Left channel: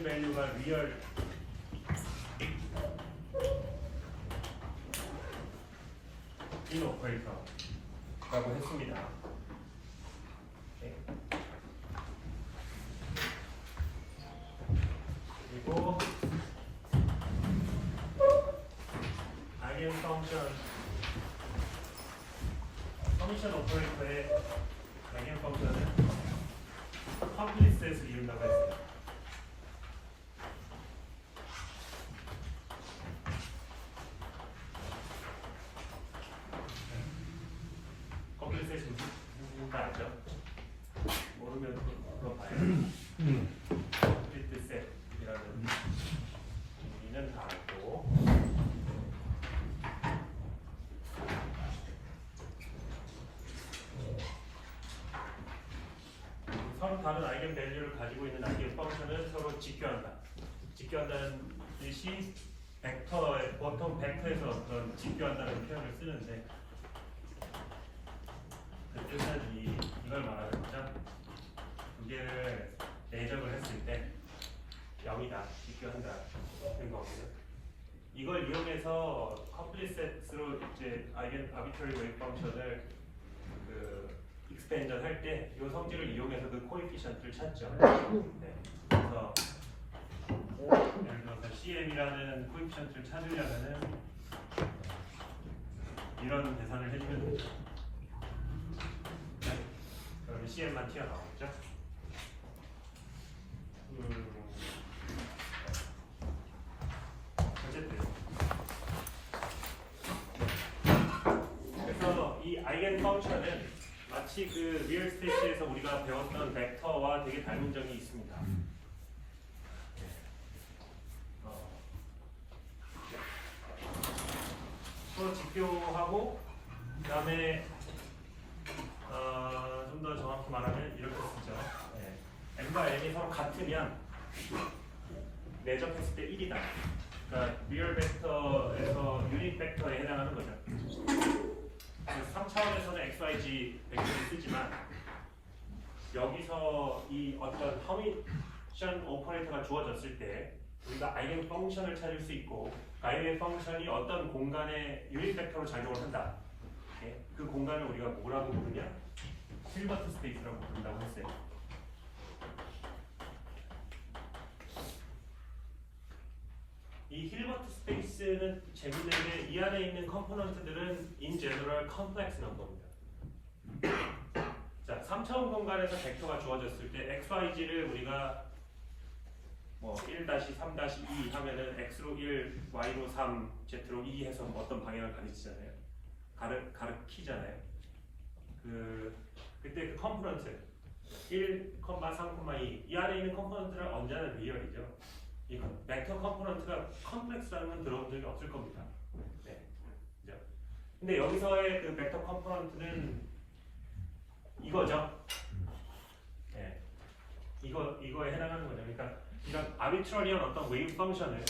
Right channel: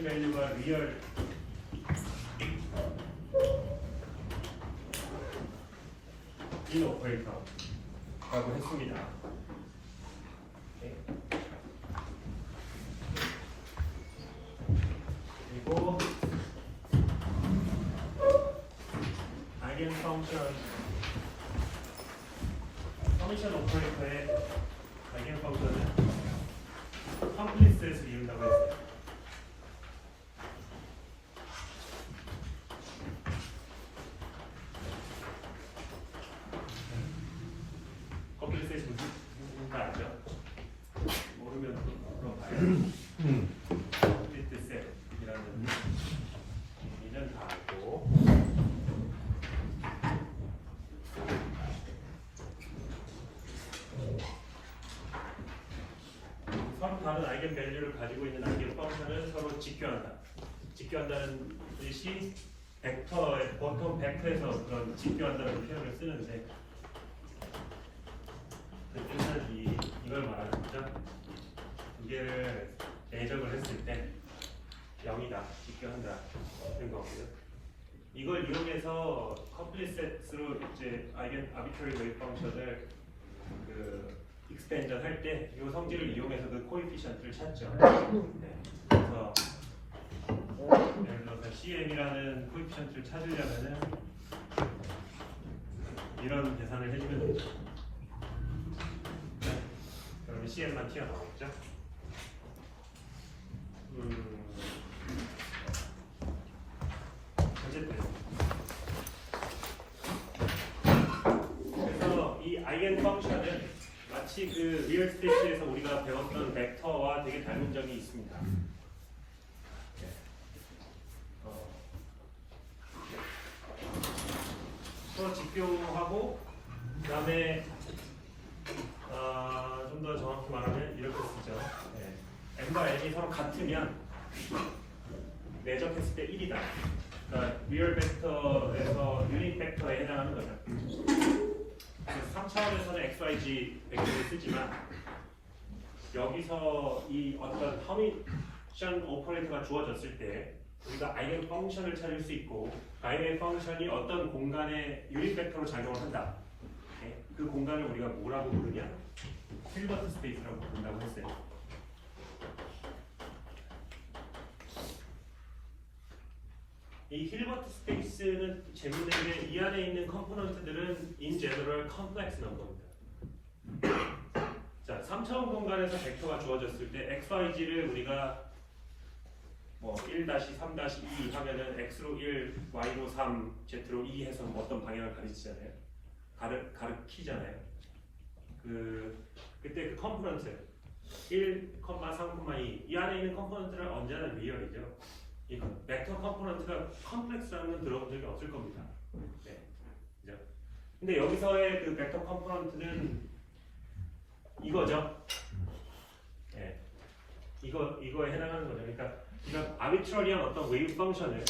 아이겐밸류가 리얼 인 오퍼레이터라고 했습니다. 그리고 아이겐 퍼미션 오퍼레이터의 아이겐 펑션은 컴플리스에서 이룬다고 했어요. 컴플리스에서 무슨 알죠? 모르면 그거 봐요. 컴플리스이라는 의미는 다 알고. 서로 다른 아이겐 밸류를 가지고 있는 아이겐 펑션을 서로 직교한다. 직교한다는 뜻이 벡터에 보통 벡터에서 그런 직교한다는 표현을 쓰는데 그 뜻은 이걸 말하는 거죠. 두 개를 내적을 했을 때 0이다, 직교한다 는 거고요. 이걸 이용해서 컴플리셋으로 이제 아이겐 아비트러리 웨이브 펑션을 익스텐전 할 때 이 성질을 이용해서 그 코에피션트를 찾죠. 네. 그래서 예를 들어서 CM이라는 코에피션트를 찾으려면은 이런 계산을 해주면 됩니다. 네. 그러면 CM만 튀어나오겠죠. 어쨌든 그래서 이 아이겐 펑션은 마치 그 리얼 스페이스에서 우리가 배웠던 벡터와 되게 닮은 점이 있습니다. 서로 직교하고 그다음에 좀 더 정확히 말하면 이렇게 쓰죠. n과 n이 서로 같으면 내적했을 때 1이다. 그러니까 리얼 벡터에서 유닛 벡터에 해당하는 거죠. 그래서 3차원에서는 XYZ 벡터를 쓰지만 여기서 이 어떤 퍼미션 오퍼레이터가 주어졌을 때 우리가 아이겐 펑션을 찾을 수 있고 아이겐 펑션이 어떤 공간에 유닛 벡터로 작용을 한다. 네? 그 공간을 우리가 뭐라고 부르냐? 힐버트 스페이스라고 부른다고 했어요. 이 힐버트 스페이스는 재밌는 게 이 안에 있는 컴포넌트들은 in general complex number입니다. 자, 3차원 공간에서 벡터가 주어졌을 때 XYZ를 우리가 뭐 1-3-2 하면은 X로 1, Y로 3, Z로 2 해서 어떤 방향을 가리치잖아요. 가르키잖아요. 그때 그 컴포넌트 1,3,2 이 안에 있는 컴포넌트는 언제나 리얼이죠. 이 벡터 컴포넌트가 컴플렉스라는 건 들어본 적이 없을 겁니다. 네. 그죠? 근데 여기서의 그 벡터 컴포넌트는 이거죠. 네. 이거에 해당하는 거죠. 그러니까 아비트러리한 어떤 웨이브 펑션을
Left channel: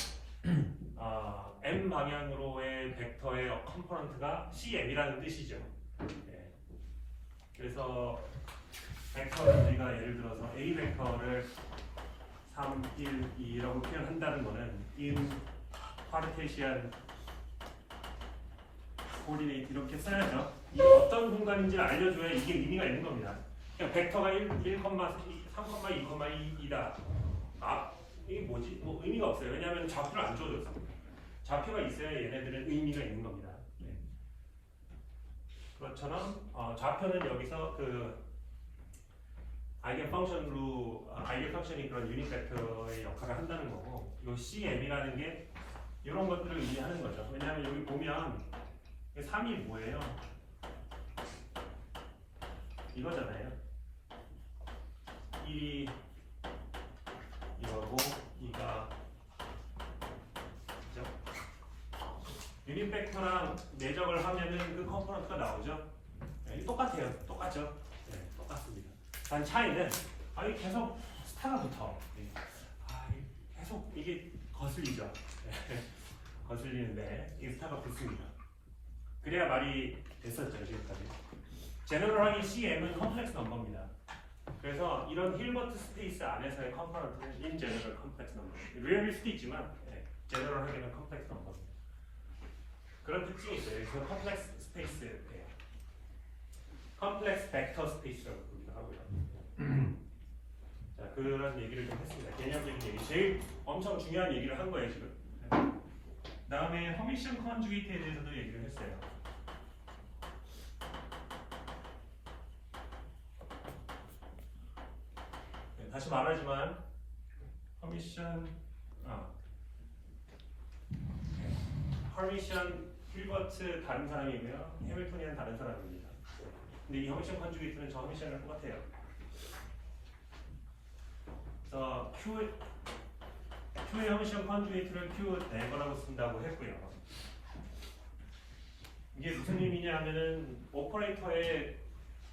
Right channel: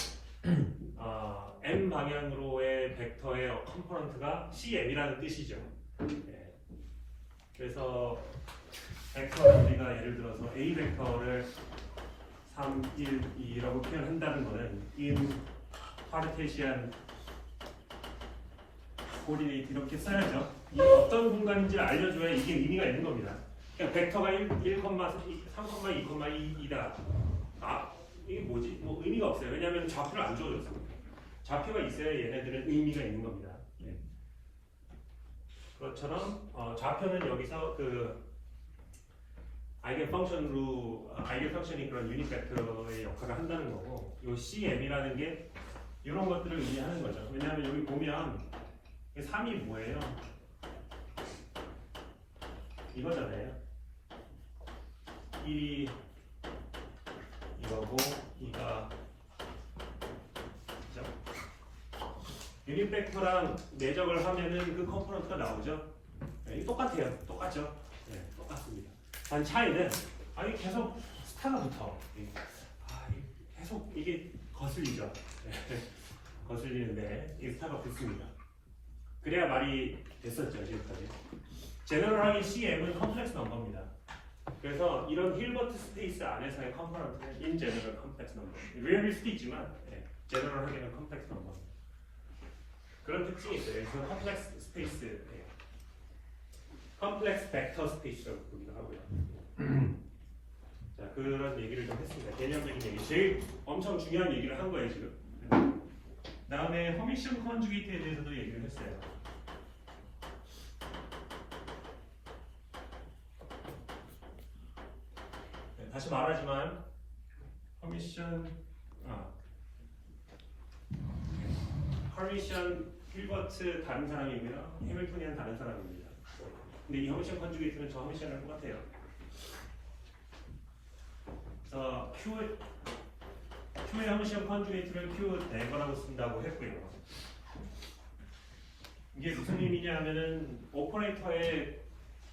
m 방향으로의 벡터의 컴포넌트가 CM이라는 뜻이죠. 네. 그래서 벡터 우리가 예를 들어서 A 벡터를 3, 1, 2라고 표현한다는 것은 in 카르테시안 코디네이트 이렇게 써야죠. 이게 어떤 공간인지를 알려줘야 이게 의미가 있는 겁니다. 그냥 벡터가 3,2,2이다. 이게 뭐지? 뭐 의미가 없어요. 왜냐하면 좌표를 안 줘져 있어요. 좌표가 있어야 얘네들은 의미가 있는 겁니다. 네. 그것처럼 좌표는 여기서 아이겐 펑션이 그런 유닛 벡터의 역할을 한다는 거고, 이 CM이라는 게 이런 것들을 의미하는 거죠. 왜냐하면 여기 보면 3이 뭐예요? 이거잖아요. 1이 이거고 2가 그죠? 유닛 벡터랑 내적을 하면은 그 컴포넌트가 나오죠. 네, 똑같아요. 똑같죠? 네, 똑같습니다. 단 차이는 계속 스타가 붙어. 계속 이게 거슬리죠. 네, 거슬리는데 이게 스타가 붙습니다. 그래야 말이 됐었죠 지금까지. 제너럴하게 CM은 컴플렉스 넘버입니다. 그래서 이런 힐버트 스페이스 안에서의 컴포넌트는 in general complex number. 리얼일 수도 있지만 제너럴하게는 컴플렉스 넘버. 그런 특징이 있어요. 그래서 컴플렉스 스페이스, 컴플렉스 벡터 스페이스라고 부르기도 하고요. 자, 그런 얘기를 좀 했습니다. 개념적인 얘기. 제일 엄청 중요한 얘기를 한 거예요, 지금. 다음에 허미션 컨주게이트에 대해서도 얘기를 했어요. 다시 말하지만 허미션 힐버트 다른 사람이고요. 해밀턴이는 다른 사람입니다. 근데 이 허미션 컨주게이트는 저 허미션이랑 똑같아요. 그래서 Q의 허미션 컨주게이트를 Q 대거라고 쓴다고 했고요. 이게 무슨 의미냐 하면은 오퍼레이터의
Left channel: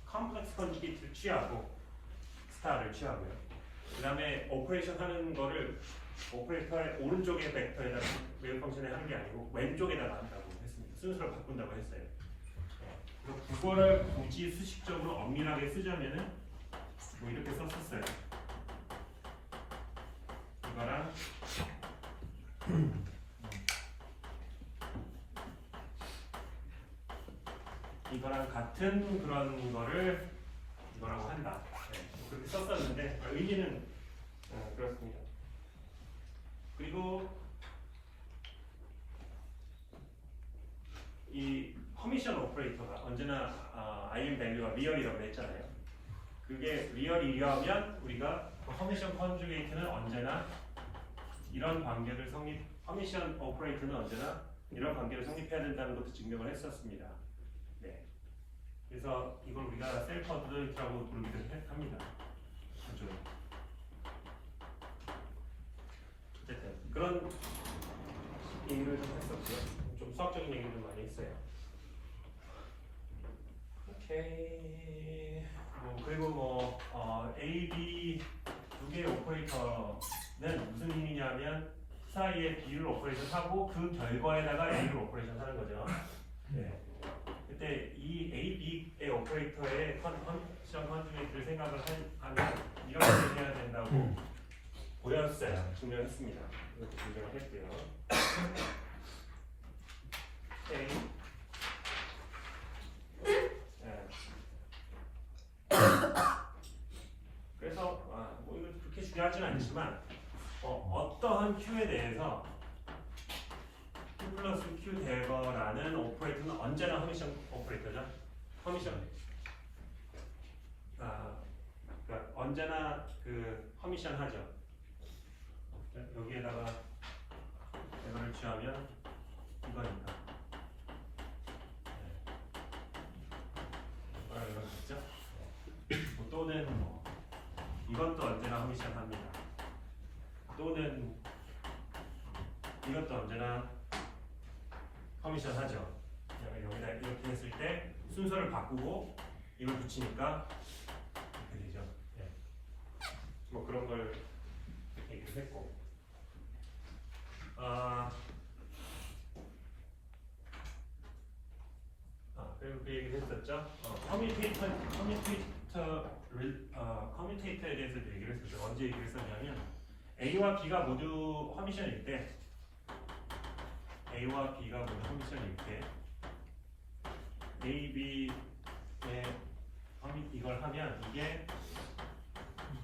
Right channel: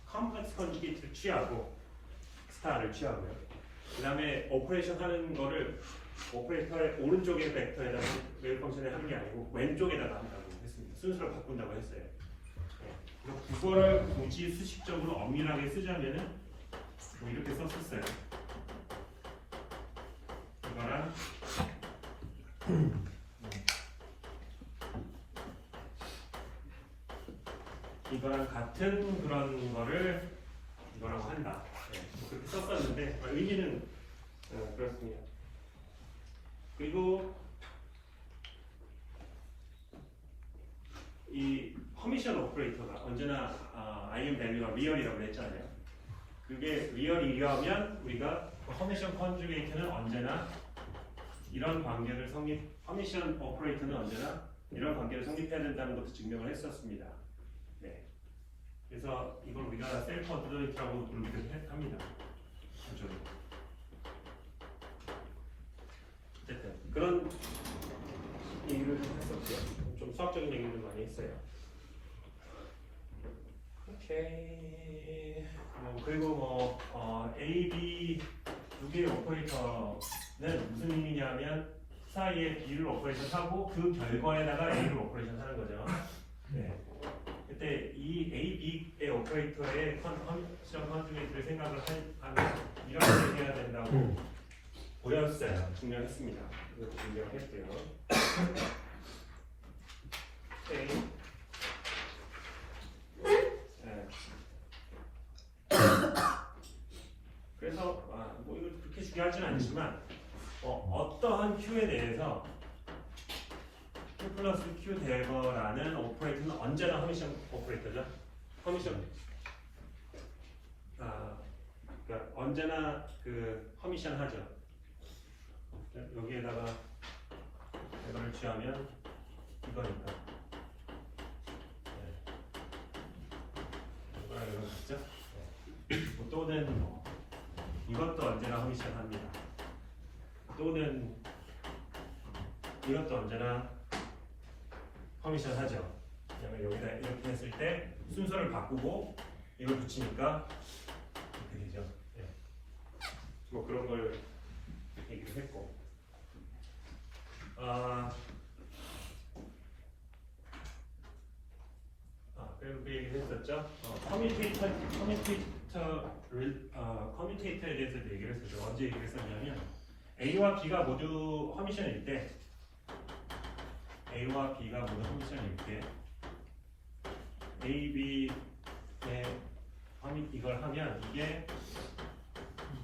컴플렉스 컨주게이트를 취하고 스타를 취하고요. 그 다음에 오퍼레이션 하는 거를 오퍼레이터의 오른쪽의 벡터에다가 웨이브 펑션에 하는 게 아니고 왼쪽에다가 한다고 했습니다. 순서를 바꾼다고 했어요. 그거를 굳이 수식적으로 엄밀하게 쓰자면은 뭐 이렇게 썼었어요. 이거랑 같은 그런 거를 이거랑 한다. 그렇게 썼었는데 의미는 그렇습니다. 그리고 이 커미션 오퍼레이터가 언제나 IM 밸류가 리얼이라고 했잖아요. 그게 리얼이려면 우리가 커미션 컨주게이트는 언제나 이런 관계를 커미션 오퍼레이터는 언제나 이런 관계를 성립해야 된다는 것도 증명을 했었습니다. 네. 그래서 이걸 우리가 셀프 어드더리티라고 부르기도 합니다. 어쨌든 그런 얘기를 좀 했었고요. 좀 수학적인 얘기를 많이 했어요. 오케이. 그리고 A, B 두 개의 오퍼레이터는 무슨 의미냐면 사이에 B를 오퍼레이션하고 그 결과에다가 A를 오퍼레이션하는 거죠. 네. 그때 이 A, B의 오퍼레이터의 시험 컨주게이트를 생각을 하면 이런 식으로 해야 된다고 보였어요. 증명했습니다. 이것도 증명을 했고요. 네. 그래서 뭐 이거 그렇게 중요하지는 않지만 어떠한 Q에 대해서 Q 플러스 Q 대거라는 오퍼레이터는 언제나 허미션 오퍼레이터죠. 허미션 그러니까 언제나 그 허미션 하죠. 여기에다가 이거를 취하면 이거니까 이거랑 이거 있죠. 또는 이것도 언제나 허미션 합니다. 또는 이것도 언제나 허미션 하죠. 여기다 이렇게 했을 때 순서를 바꾸고 이걸 붙이니까 이렇게 되죠. 네. 뭐 그런 걸 얘기를 했고, 그리고 그 얘기를 했었죠. 커뮤테이터에 대해서 얘기를 했었죠. 언제 얘기를 했었냐면 A와 B가 모두 허미션일 때, A와 B가 모두 허미션일 때, A, B의 이걸 하면 이게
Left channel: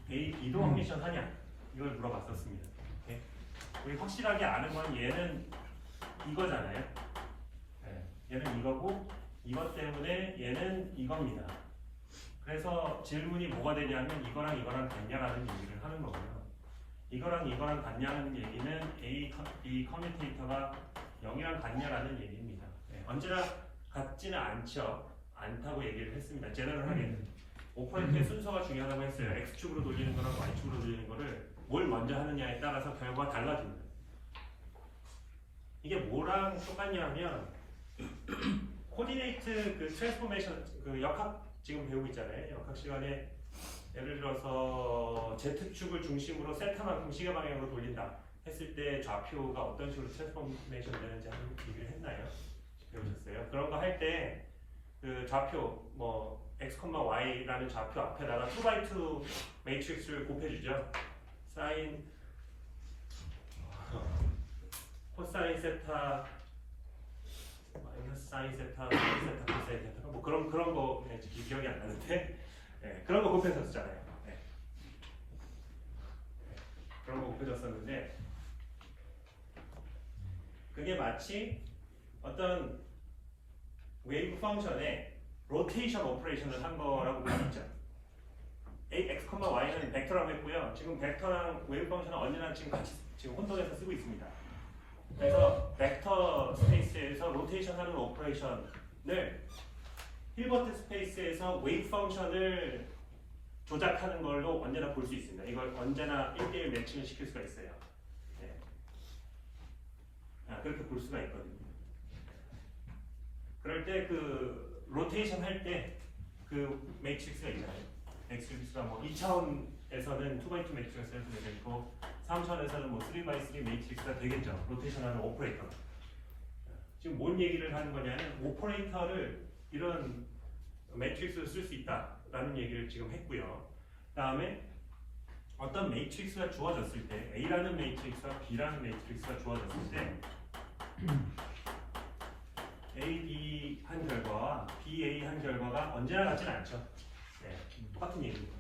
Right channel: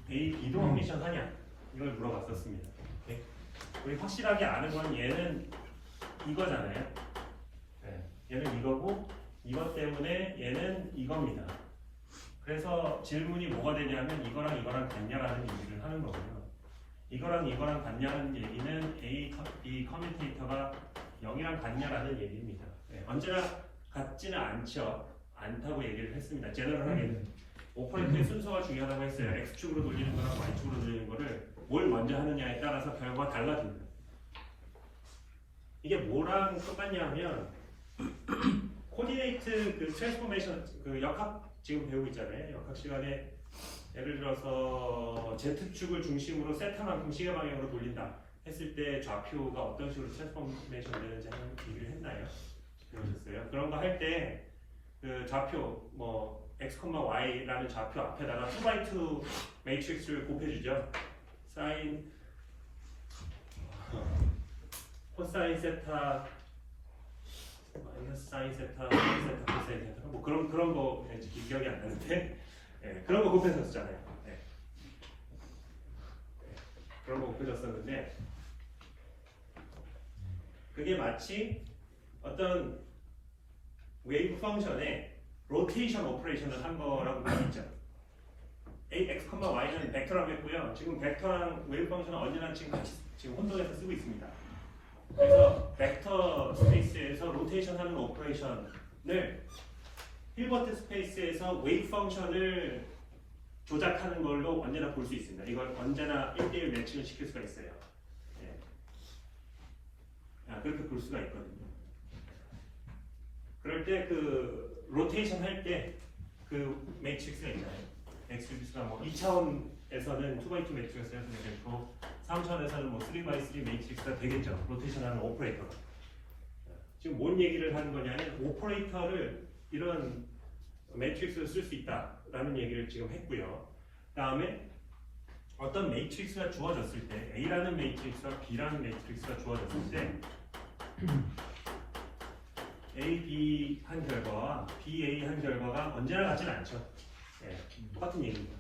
A, B도 허미션 하냐 이걸 물어봤었습니다. 오케이? 우리 확실하게 아는 건 얘는 이거잖아요. 네. 얘는 이거고 이것 때문에 얘는 이겁니다. 그래서 질문이 뭐가 되냐면 이거랑 이거랑 같냐라는 얘기를 하는 거고요. 이거랑 이거랑 같냐는 얘기는 B 커뮤테이터가 0이랑 같냐라는 얘기입니다. 네. 언제나 같지는 않다고 얘기를 했습니다. 제너럴하게 오퍼레이터의 순서가 중요하다고 했어요. X축으로 돌리는 거나 Y축으로 돌리는 거를 뭘 먼저 하느냐에 따라서 결과가 달라집니다. 이게 뭐랑 똑같냐면 코디네이트 그 트랜스포메이션 그 역학 지금 배우고 있잖아요. 역학 시간에 예를 들어서 Z축을 중심으로 세타만큼 시계 방향으로 돌린다 했을 때 좌표가 어떤 식으로 트랜스포메이션 되는지 한번 얘기를 했나요? 배우셨어요? 그런 거 할 때 그 좌표 뭐 x, y라는 좌표 앞에다가 2x2 매트릭스를 곱해주죠. 사인 코사인 세타 마이너스 사인 세타 사인 세타 코사인 세타 뭐 그런 거 기억이 안 나는데 예, 그런 거 곱해줬잖아요. 예. 그런 거 곱해줬었는데 그게 마치 어떤 웨이브 펑션에 로테이션 오퍼레이션을 한 거라고 볼 수 있죠. x, y는 벡터라고 했고요. 지금 벡터랑 웨이브 펑션은 언제나 지금 같이 지금 혼돈해서 쓰고 있습니다. 그래서 벡터 스페이스에서 로테이션 하는 오퍼레이션을 힐버트 스페이스에서 웨이브 펑션을 조작하는 걸로 언제나 볼 수 있습니다. 이걸 언제나 1대1 매칭을 시킬 수가 있어요. 네. 그렇게 볼 수가 있거든요. 그럴 때 그 로테이션 할 때 그 매트릭스가 있나요? 매트릭스가 뭐 2차원에서는 2x2 매트릭스가 되고 3차원에서는 뭐 3x3 매트릭스가 되겠죠. 로테이션하는 오퍼레이터가. 지금 뭔 얘기를 하는 거냐면 오퍼레이터를 이런 매트릭스를 쓸 수 있다라는 얘기를 지금 했고요. 다음에 어떤 매트릭스가 주어졌을 때 A라는 매트릭스와 B라는 매트릭스가 주어졌을 때 A, B 한 결과와 B, A 한 결과가 언제나 같지는 않죠. 네, 똑같은 얘기입니다.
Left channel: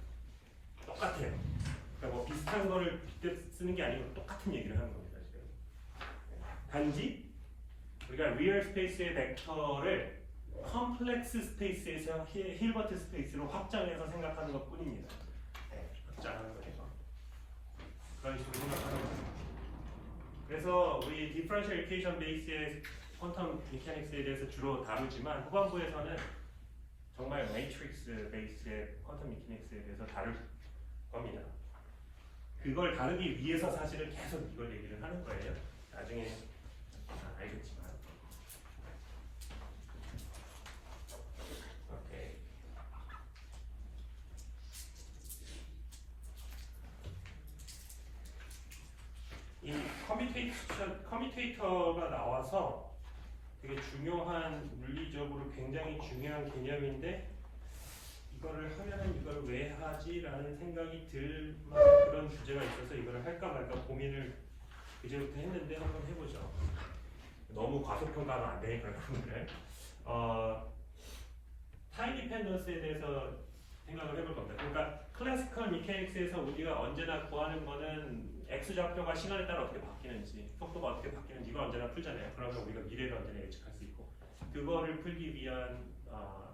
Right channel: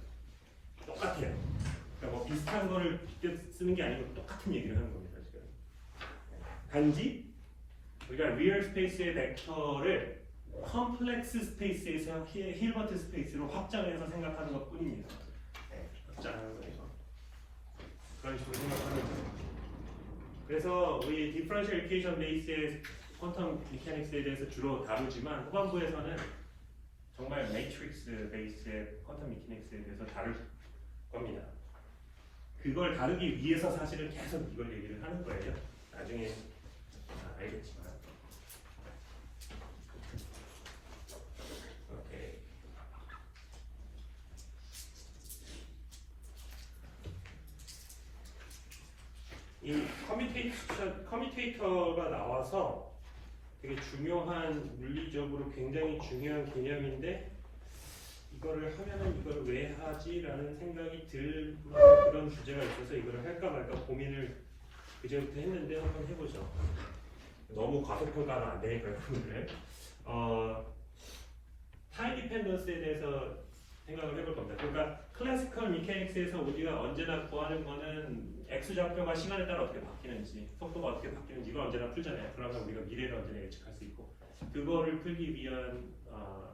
똑같아요. 그러니까 뭐 비슷한 거를 빗대 쓰는 게 아니고 똑같은 얘기를 하는 겁니다. 지금. 단지 우리가 리얼 스페이스의 벡터를 컴플렉스 스페이스에서 힐버트 스페이스로 확장해서 생각하는 것 뿐입니다. 네, 확장하는 거죠. 그런 식으로 생각하는 거죠. 그래서 우리 디퍼런셜 이퀘이션 베이스의 퀀텀 미케닉스에 대해서 주로 다루지만 후반부에서는 정말 매트릭스 베이스의 퀀텀 미케닉스에 대해서 다룰 겁니다. 그걸 다루기 위해서 사실은 계속 이걸 얘기를 하는 거예요. 나중에 알겠지만. 오케이. 이 커뮤테이터가 나와서 되게 중요한 물리적으로 굉장히 중요한 개념인데 이거를 하면 이걸 왜 하지라는 생각이 들 만한 그런 주제가 있어서 이거를 할까 말까 고민을 그제부터 했는데 한번 해보죠. 너무 과소평가가 안 되니까 여러분들. 타임 디펜던스에 대해서 생각을 해볼 겁니다. 그러니까 클래시컬 미케닉스에서 우리가 언제나 구하는 거는 x 좌표가 시간에 따라 어떻게 바뀌는지, 속도가 어떻게 바뀌는지 이걸 언제나 풀잖아요. 그러면 우리가 미래를 언제나 예측할 수 있고 그거를 풀기 위한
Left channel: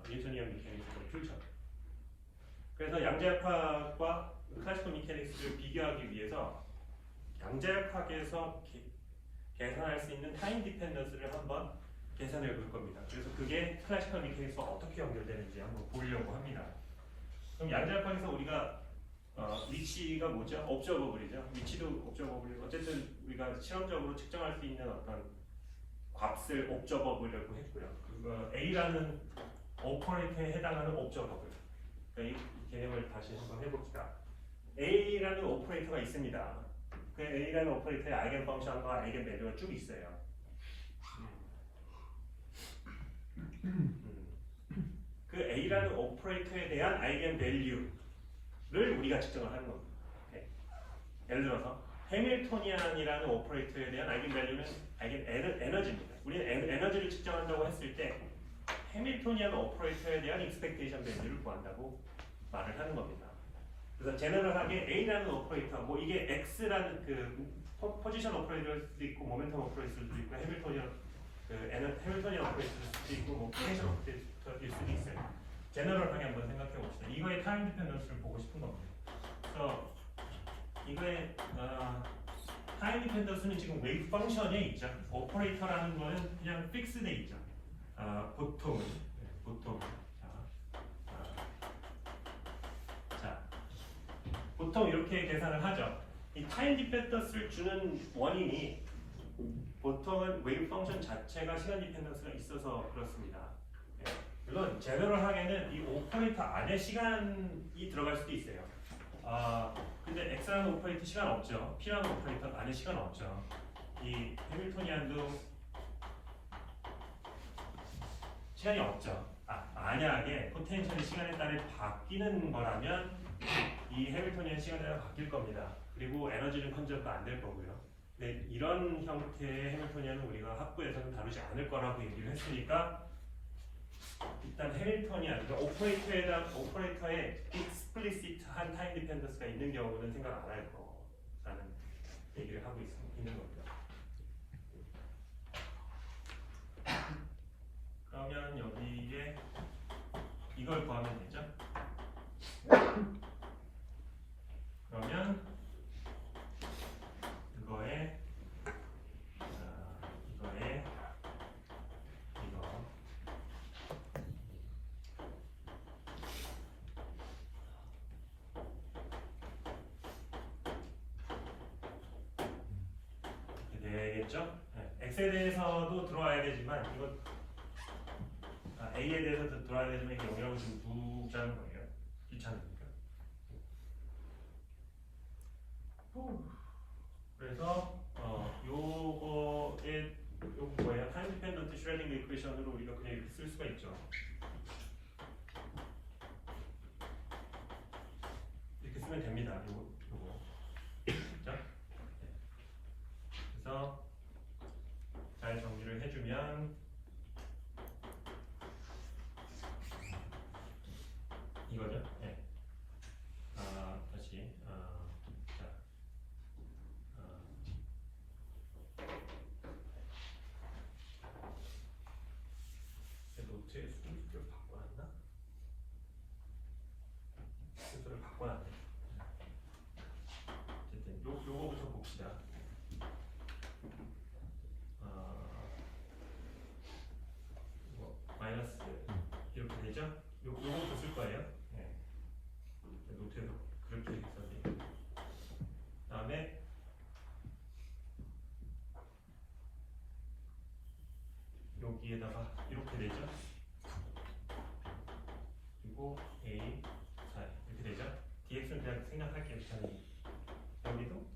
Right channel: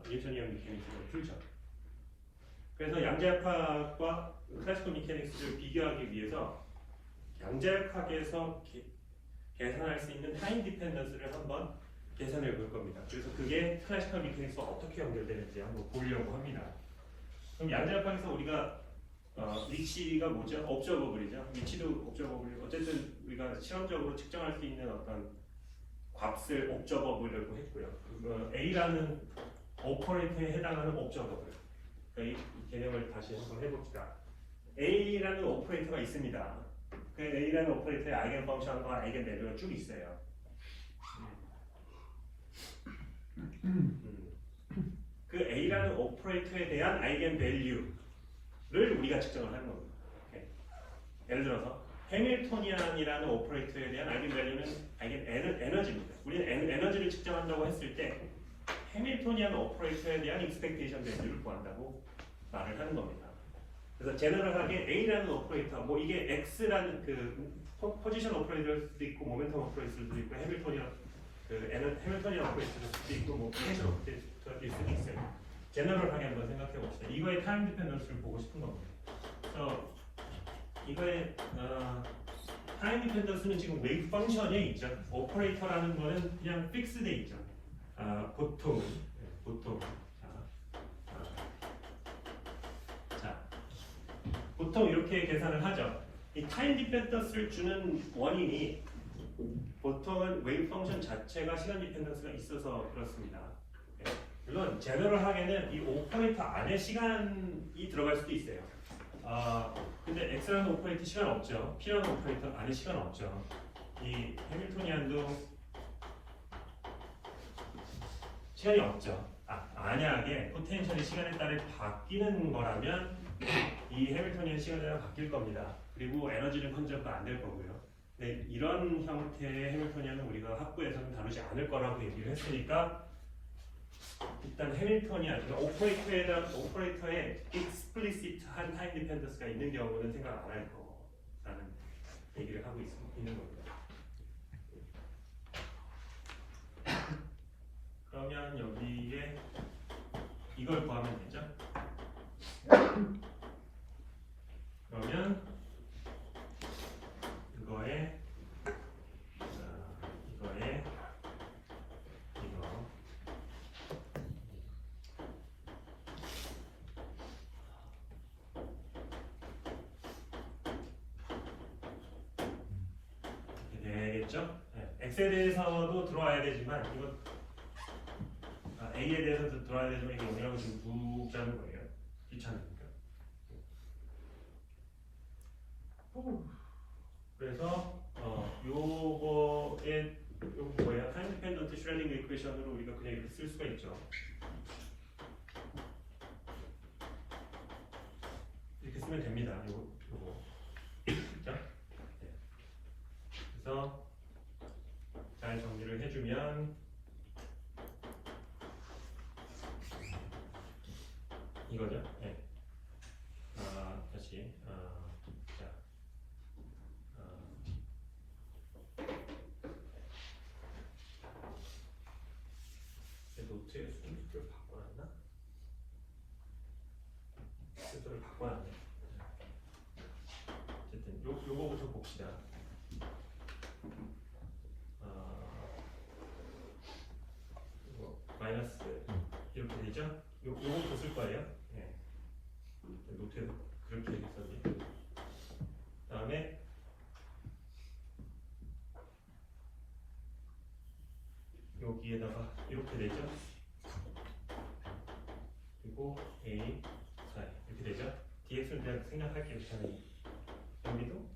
뉴토니안 미케닉스를 풀죠. 그래서 양자역학과 클래시컬 미케닉스를 비교하기 위해서 양자역학에서 계산할 수 있는 타임 디펜던스를 한번 계산해 볼 겁니다. 그래서 그게 클래시컬 미케닉스와 어떻게 연결되는지 한번 보려고 합니다. 그럼 양자역학에서 우리가 위치가 뭐죠? 옵저버블이죠. 위치도 옵저버블. 어쨌든 우리가 실험적으로 측정할 수 있는 어떤 값을 옵저버블이라고 했고요. A라는 오퍼레이터에 해당하는 옵저버블. 그러니까 이 개념을 다시 한번 해봅시다. A라는 오퍼레이터가 있습니다. 그 A라는 오퍼레이터의 아이겐 펑션과 아이겐 밸류가 쭉 있어요. 그 A라는 오퍼레이터에 대한 아이겐 밸류를 우리가 측정을 하는 겁니다. 네. 예를 들어서 해밀토니안이라는 오퍼레이터에 대한 아이겐 밸류는 아이겐 에너지입니다. 우리는 에너지를 측정한다고 했을 때 해밀토니안 오퍼레이터에 대한 익스펙테이션 밸류를 구한다고 말을 하는 겁니다. 그래서 제너럴하게 A라는 오퍼레이터, 뭐 이게 X라는 그 포지션 오퍼레이터일 수도 있고 모멘텀 오퍼레이터일 수도 있고 해밀토니안 오퍼레이터일 수도 있고 뭐 포텐셜 오퍼레이터일 수도 있어요. 제너럴하게 한번 생각해 봅시다. 이거의 타임 디펜던스를 보고 싶은 겁니다. 그래서 이거의 타임 디펜던스는 지금 웨이브 펑션에 있죠. 오퍼레이터라는 거는 그냥 픽스돼 있죠. 보통은 보통 이렇게 계산을 하죠. 이 타임 디펜던스를 주는 원인이 보통은 웨이브 펑션 자체가 시간 디펜던스가 있어서 그렇습니다. 네. 물론 제너럴하게는 이 오퍼레이터 안에 시간이 들어갈 수도 있어요. 근데 X라는 오퍼레이터 시간 없죠. P라는 오퍼레이터 안에 시간 없죠. 이 해밀토니안도 시간이 없죠. 만약에 포텐셜이 시간에 따라 바뀌는 거라면 이 해밀토니안 시간에 따라 바뀔 겁니다. 그리고 에너지는 컨저브가 안 될 거고요. 네, 이런 형태의 해밀토니안은 우리가 학부에서는 다루지 않을 거라고 얘기를 했으니까 일단 해밀토니안, 그러니까 오퍼레이터에 익스플리시트한 타임 디펜던스가 있는 경우는 생각 안 할 거라는 얘기를 하고 있는 겁니다. 그러면 여기에 이걸 구하면 되죠? 그러면 이거에 이거 되겠죠? 네. X에 대해서도 들어와야 되지만 이거 A에 대해서도 들어와야 되지만 이게 영역을 지금 묵자는 거예요. 귀찮으니까. 그래서 요거에 요거 뭐예요? 타임 디펜던트 슈레딩 이퀘이션으로 우리가 그냥 이렇게 쓸 수가 있죠. 이렇게 쓰면 됩니다. 요거. 그죠? 네. 그래서 잘 정리를 해주면 이거죠. 네. 다시 자, 노트에 순서를 바꿔놨나? 순서를 바꿔놨네. 어쨌든 요거부터 봅시다. 이거 마이너스 이렇게 되죠? 요거부터 쓸 거예요. 네. 노트에 그렇게 있었니? 다음에 여기에다가 이렇게 되죠? 그리고 A, 4 이렇게 되죠? dx는 그냥 생략할게요. 저는 여기도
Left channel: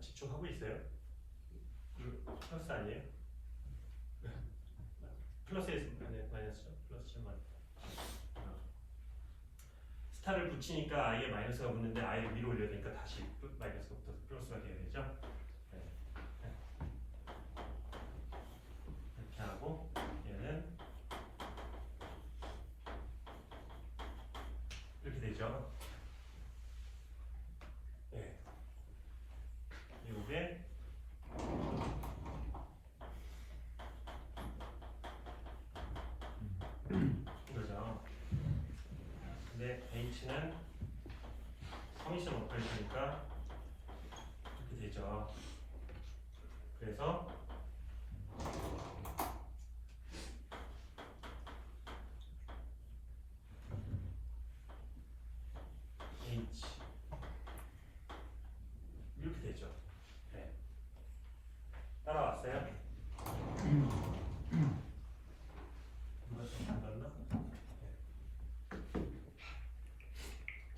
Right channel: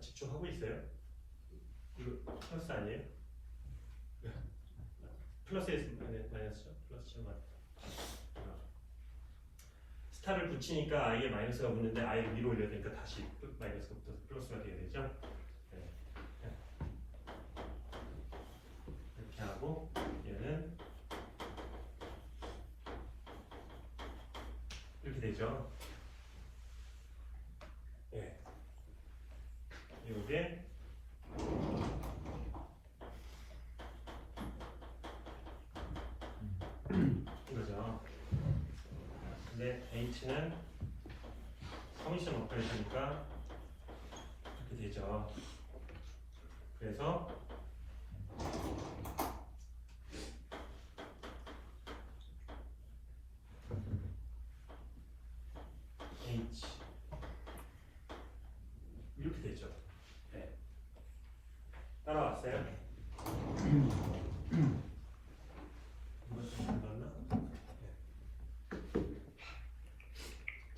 직접 하고 있어요? 이거 플러스 아니에요? 플러스에 마이너스죠? 플러스죠? 스타를 붙이니까 i에 마이너스가 붙는데 i를 위로 올려야 되니까 다시 마이너스가 붙어서 플러스가 되게 되죠? 네. 이렇게 하고 얘는 이렇게 되죠? 네. 요게 이거죠. 근데 h는 성의시험 오퍼레이션이니까 이렇게 되죠. 그래서 h 이렇게 되죠. 네. 따라왔어요?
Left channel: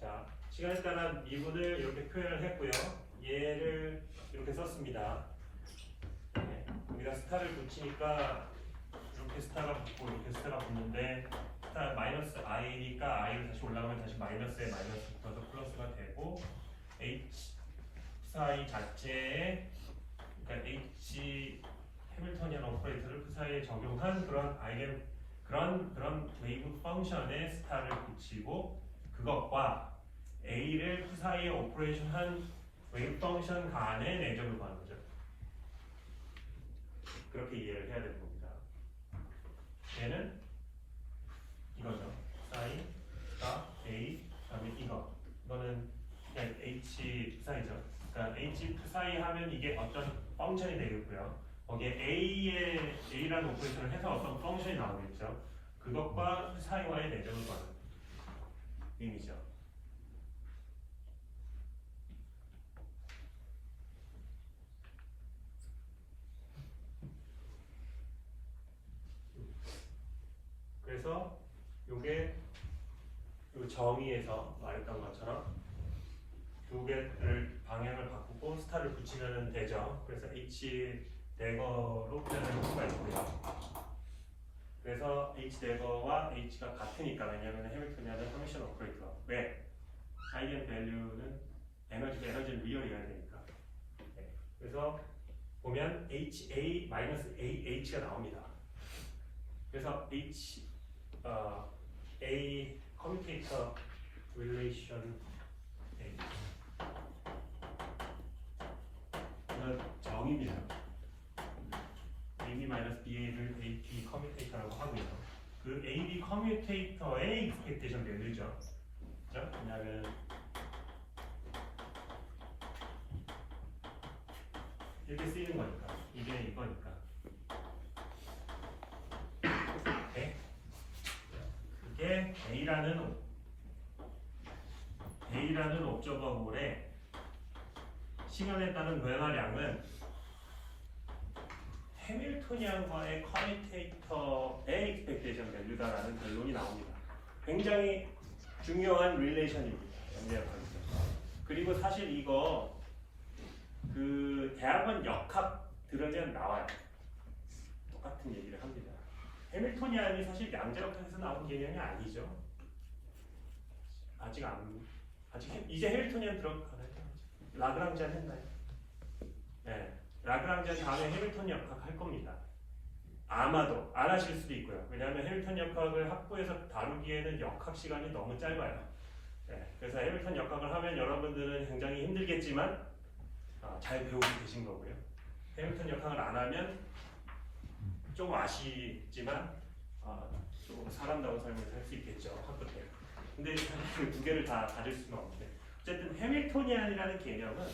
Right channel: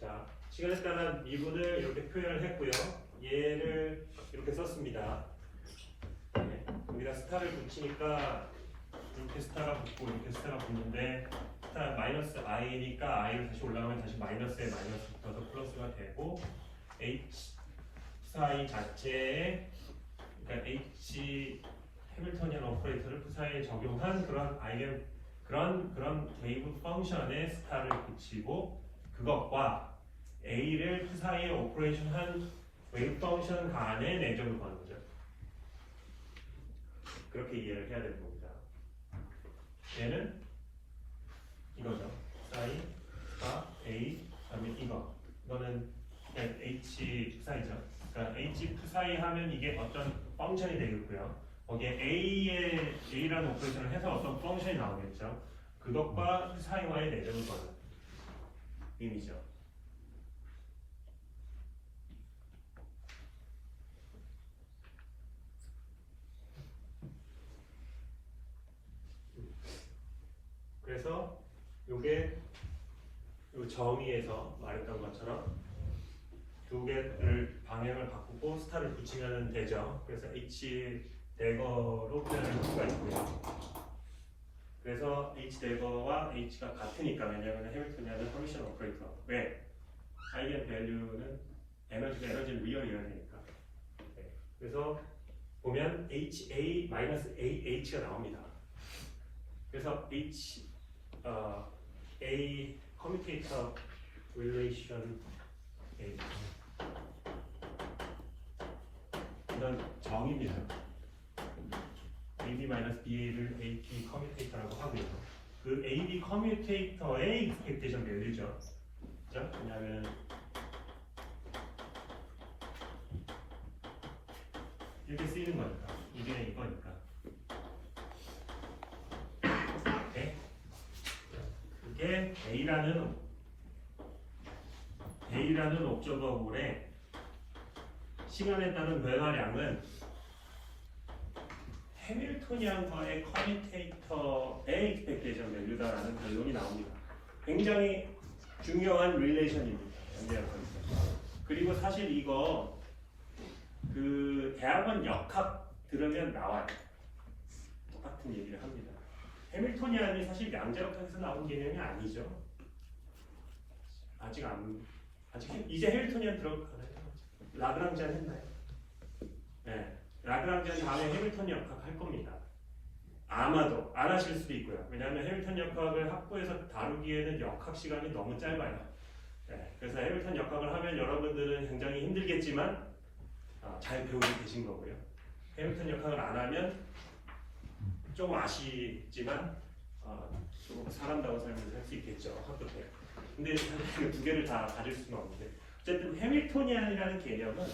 자, 시간에 따라 미분을 이렇게 표현을 했고요. 얘를 이렇게 썼습니다. 네. 우리가 스타를 붙이니까 이렇게 스타가 붙고 이렇게 스타가 붙는데 스타 마이너스 i니까 i를 다시 올라가면 다시 마이너스에 마이너스 붙어서 플러스가 되고 h 사이 자체에 그러니까 h 해밀토니안 오퍼레이터를 그 사이에 적용한 그런 그런 웨이브 펑션에 스타를 붙이고 그것과 a를 그 사이에 오퍼레이션한 웨이브 펑션 간의 내점을 구하는 거죠. 그렇게 이해를 해야 되는 겁니다. 얘는 이거죠. 사이, 스타, a, 그다음에 이거는 h 사이죠. 그러니까 h 사이 하면 이게 어떤 펑션이 되겠고요. 거기에 a라는 오퍼레이션을 해서 어떤 펑션이 나오겠죠. 그것과 그 사이와의 내점을 구하는. 의미죠. 그래서 요게 요 정의에서 말했던 것처럼 두 개를 방향을 바꾸고 스타를 붙이면 되죠. 그래서 H 대거로 표현할 수가 있고요. 그래서 H 대거와 H가 같으니까, 왜냐하면 해밀토니안은 서미션 오퍼레이터. 왜? 아이겐 밸류는 에너지는 리얼이어야 되니까. 네. 그래서 보면 HA-AH가 나옵니다. 그래서 A 커뮤테이터 릴레이션 A 이런 정의입니다. AB-BA를 AP 커뮤테이터라고 하고요. 그 AB 커뮤테이터의 익스펙테이션 밸류죠. 그죠? 왜냐하면 이렇게 쓰이는 거니까. 이게 이거니까. 네. 이게 A라는 옵저버볼의 시간에 따른 변화량은 해밀토니안과의 커뮤테이터의 익스펙테이션 밸류다라는 결론이 나옵니다. 굉장히 중요한 릴레이션입니다. 연대학 컨셉. 그리고 사실 이거 그 대학원 역학 들으면 나와요. 똑같은 얘기를 합니다. 해밀토니안이 사실 양자역학에서 나온 개념이 아니죠. 아직 이제 해밀토니안 들어가나요? 라그랑지안 했나요? 네. 라그랑지안 다음에 해밀턴 역학 할 겁니다. 아마도 안 하실 수도 있고요. 왜냐하면 해밀턴 역학을 학부에서 다루기에는 역학 시간이 너무 짧아요. 네, 그래서 해밀턴 역학을 하면 여러분들은 굉장히 힘들겠지만 잘 배우고 계신 거고요. 해밀턴 역학을 안 하면 좀 아쉽지만 좀 사람다운 삶을 살 수 있겠죠. 학부 때. 근데 그 두 개를 다 가질 수는 없는데 어쨌든 해밀토니안이라는 개념은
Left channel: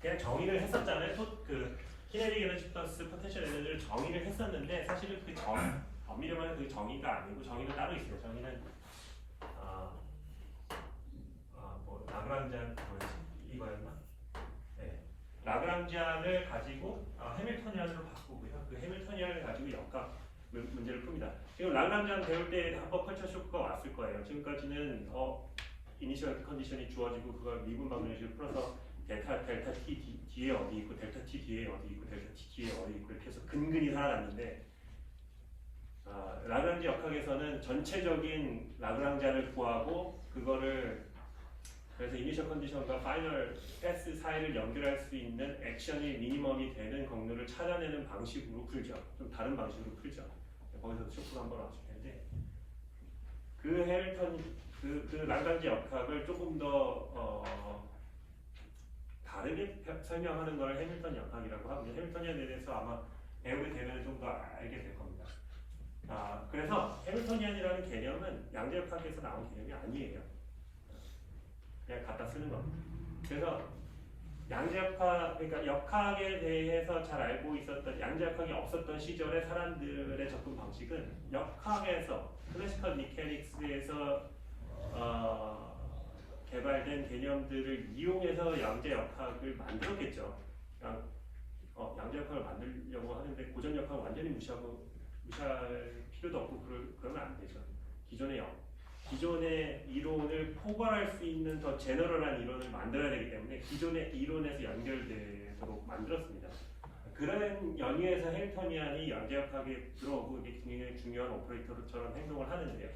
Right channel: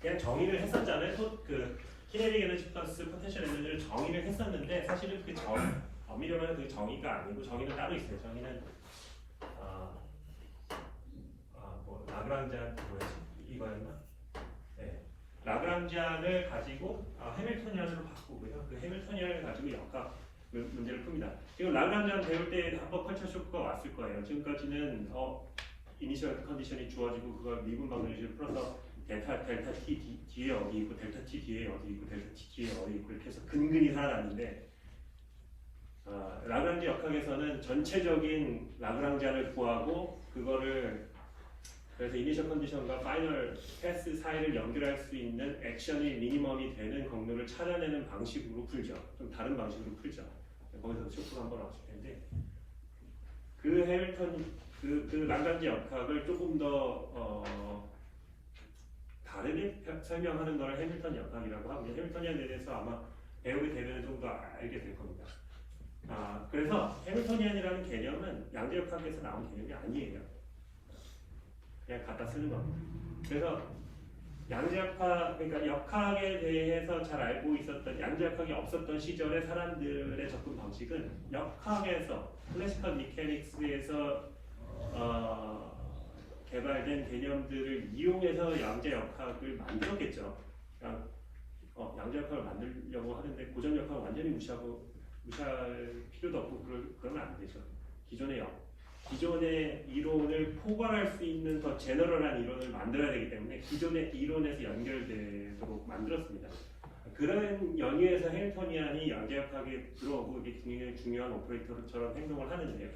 그냥 정의를 했었잖아요. 그 키네틱 에너지 플러스 포텐셜 에너지를 정의를 했었는데 사실은 그 엄밀하면 그 정의가 아니고 정의는 따로 있어요. 정의는 뭐 라그랑지안 뭐였지? 이거였나? 네. 라그랑지안을 가지고 해밀토니안으로 바꾸고요. 그 해밀토니안을 가지고 역학 문제를 풉니다. 지금 라그랑지안 배울 때 한번 컬처 쇼크가 왔을 거예요. 지금까지는 이니셜 컨디션이 주어지고 그걸 미분 방정식을 풀어서 델타 t 뒤에 어디 있고 델타 t 뒤에 어디 있고 델타 t 뒤에 어디 있고 이렇게 해서 근근히 살아났는데 라그랑지 역학에서는 전체적인 라그랑지안을 구하고 그거를 그래서 이니셜 컨디션과 파이널 패스 사이를 연결할 수 있는 액션이 미니멈이 되는 경로를 찾아내는 방식으로 풀죠. 좀 다른 방식으로 풀죠. 거기서 소프가 한번 왔을 텐데 그 해밀턴 그 라그랑지 역학을 조금 더 다르게 설명하는 걸 해밀턴 역학이라고 하고 해밀턴에 대해서 아마 배우게 되면 좀 더 알게 될 겁니다. 그래서 해밀토니안이라는 개념은 양자역학에서 나온 개념이 아니에요. 그냥 갖다 쓰는 겁니다. 그래서 양자역학, 그러니까 역학에 대해서 잘 알고 있었던 양자역학이 없었던 시절의 사람들의 접근 방식은 역학에서 클래시컬 미케닉스에서 개발된 개념들을 이용해서 양자역학을 만들었겠죠. 양자역학을 만들려고 하는데 고전역학을 완전히 무시할 필요도 없고 그러면 안 되죠. 기존의 이론을 포괄할 수 있는 더 제너럴한 이론을 만들어야 되기 때문에 기존의 이론에서 연결되도록 만들었습니다. 그런 연유에서 해밀토니안이 양자역학에 들어오고 이게 굉장히 중요한 오퍼레이터처럼 행동을 하는데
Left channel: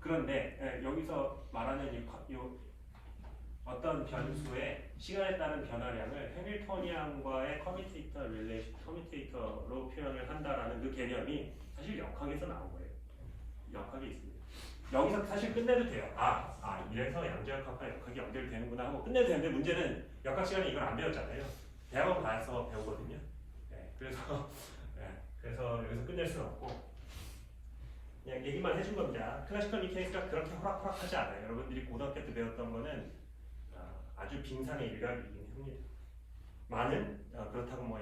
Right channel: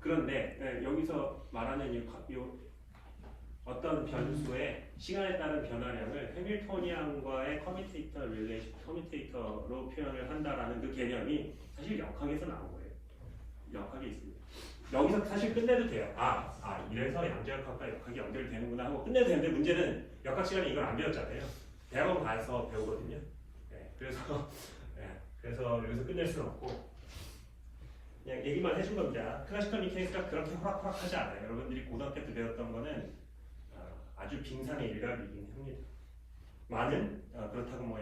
그런데 여기서 말하는 어떤 변수의 시간에 따른 변화량을 해밀토니안과의 커뮤테이터로 표현을 한다라는 그 개념이 사실 역학에서 나온 거예요. 역학이 있습니다. 여기서 사실 끝내도 돼요. 이래서 양자역학과 역학이 연결되는구나 하고 끝내도 되는데 문제는 역학 시간에 이걸 안 배웠잖아요. 대학원 가서 배우거든요. 네, 그래서 여기서 끝낼 수는 없고 그냥 얘기만 해준 겁니다. 클래시컬 미케닉스가 그렇게 호락호락하지 않아요. 여러분들이 고등학교 때 배웠던 거는 아주 빙산의 일각이긴 합니다. 그렇다고 뭐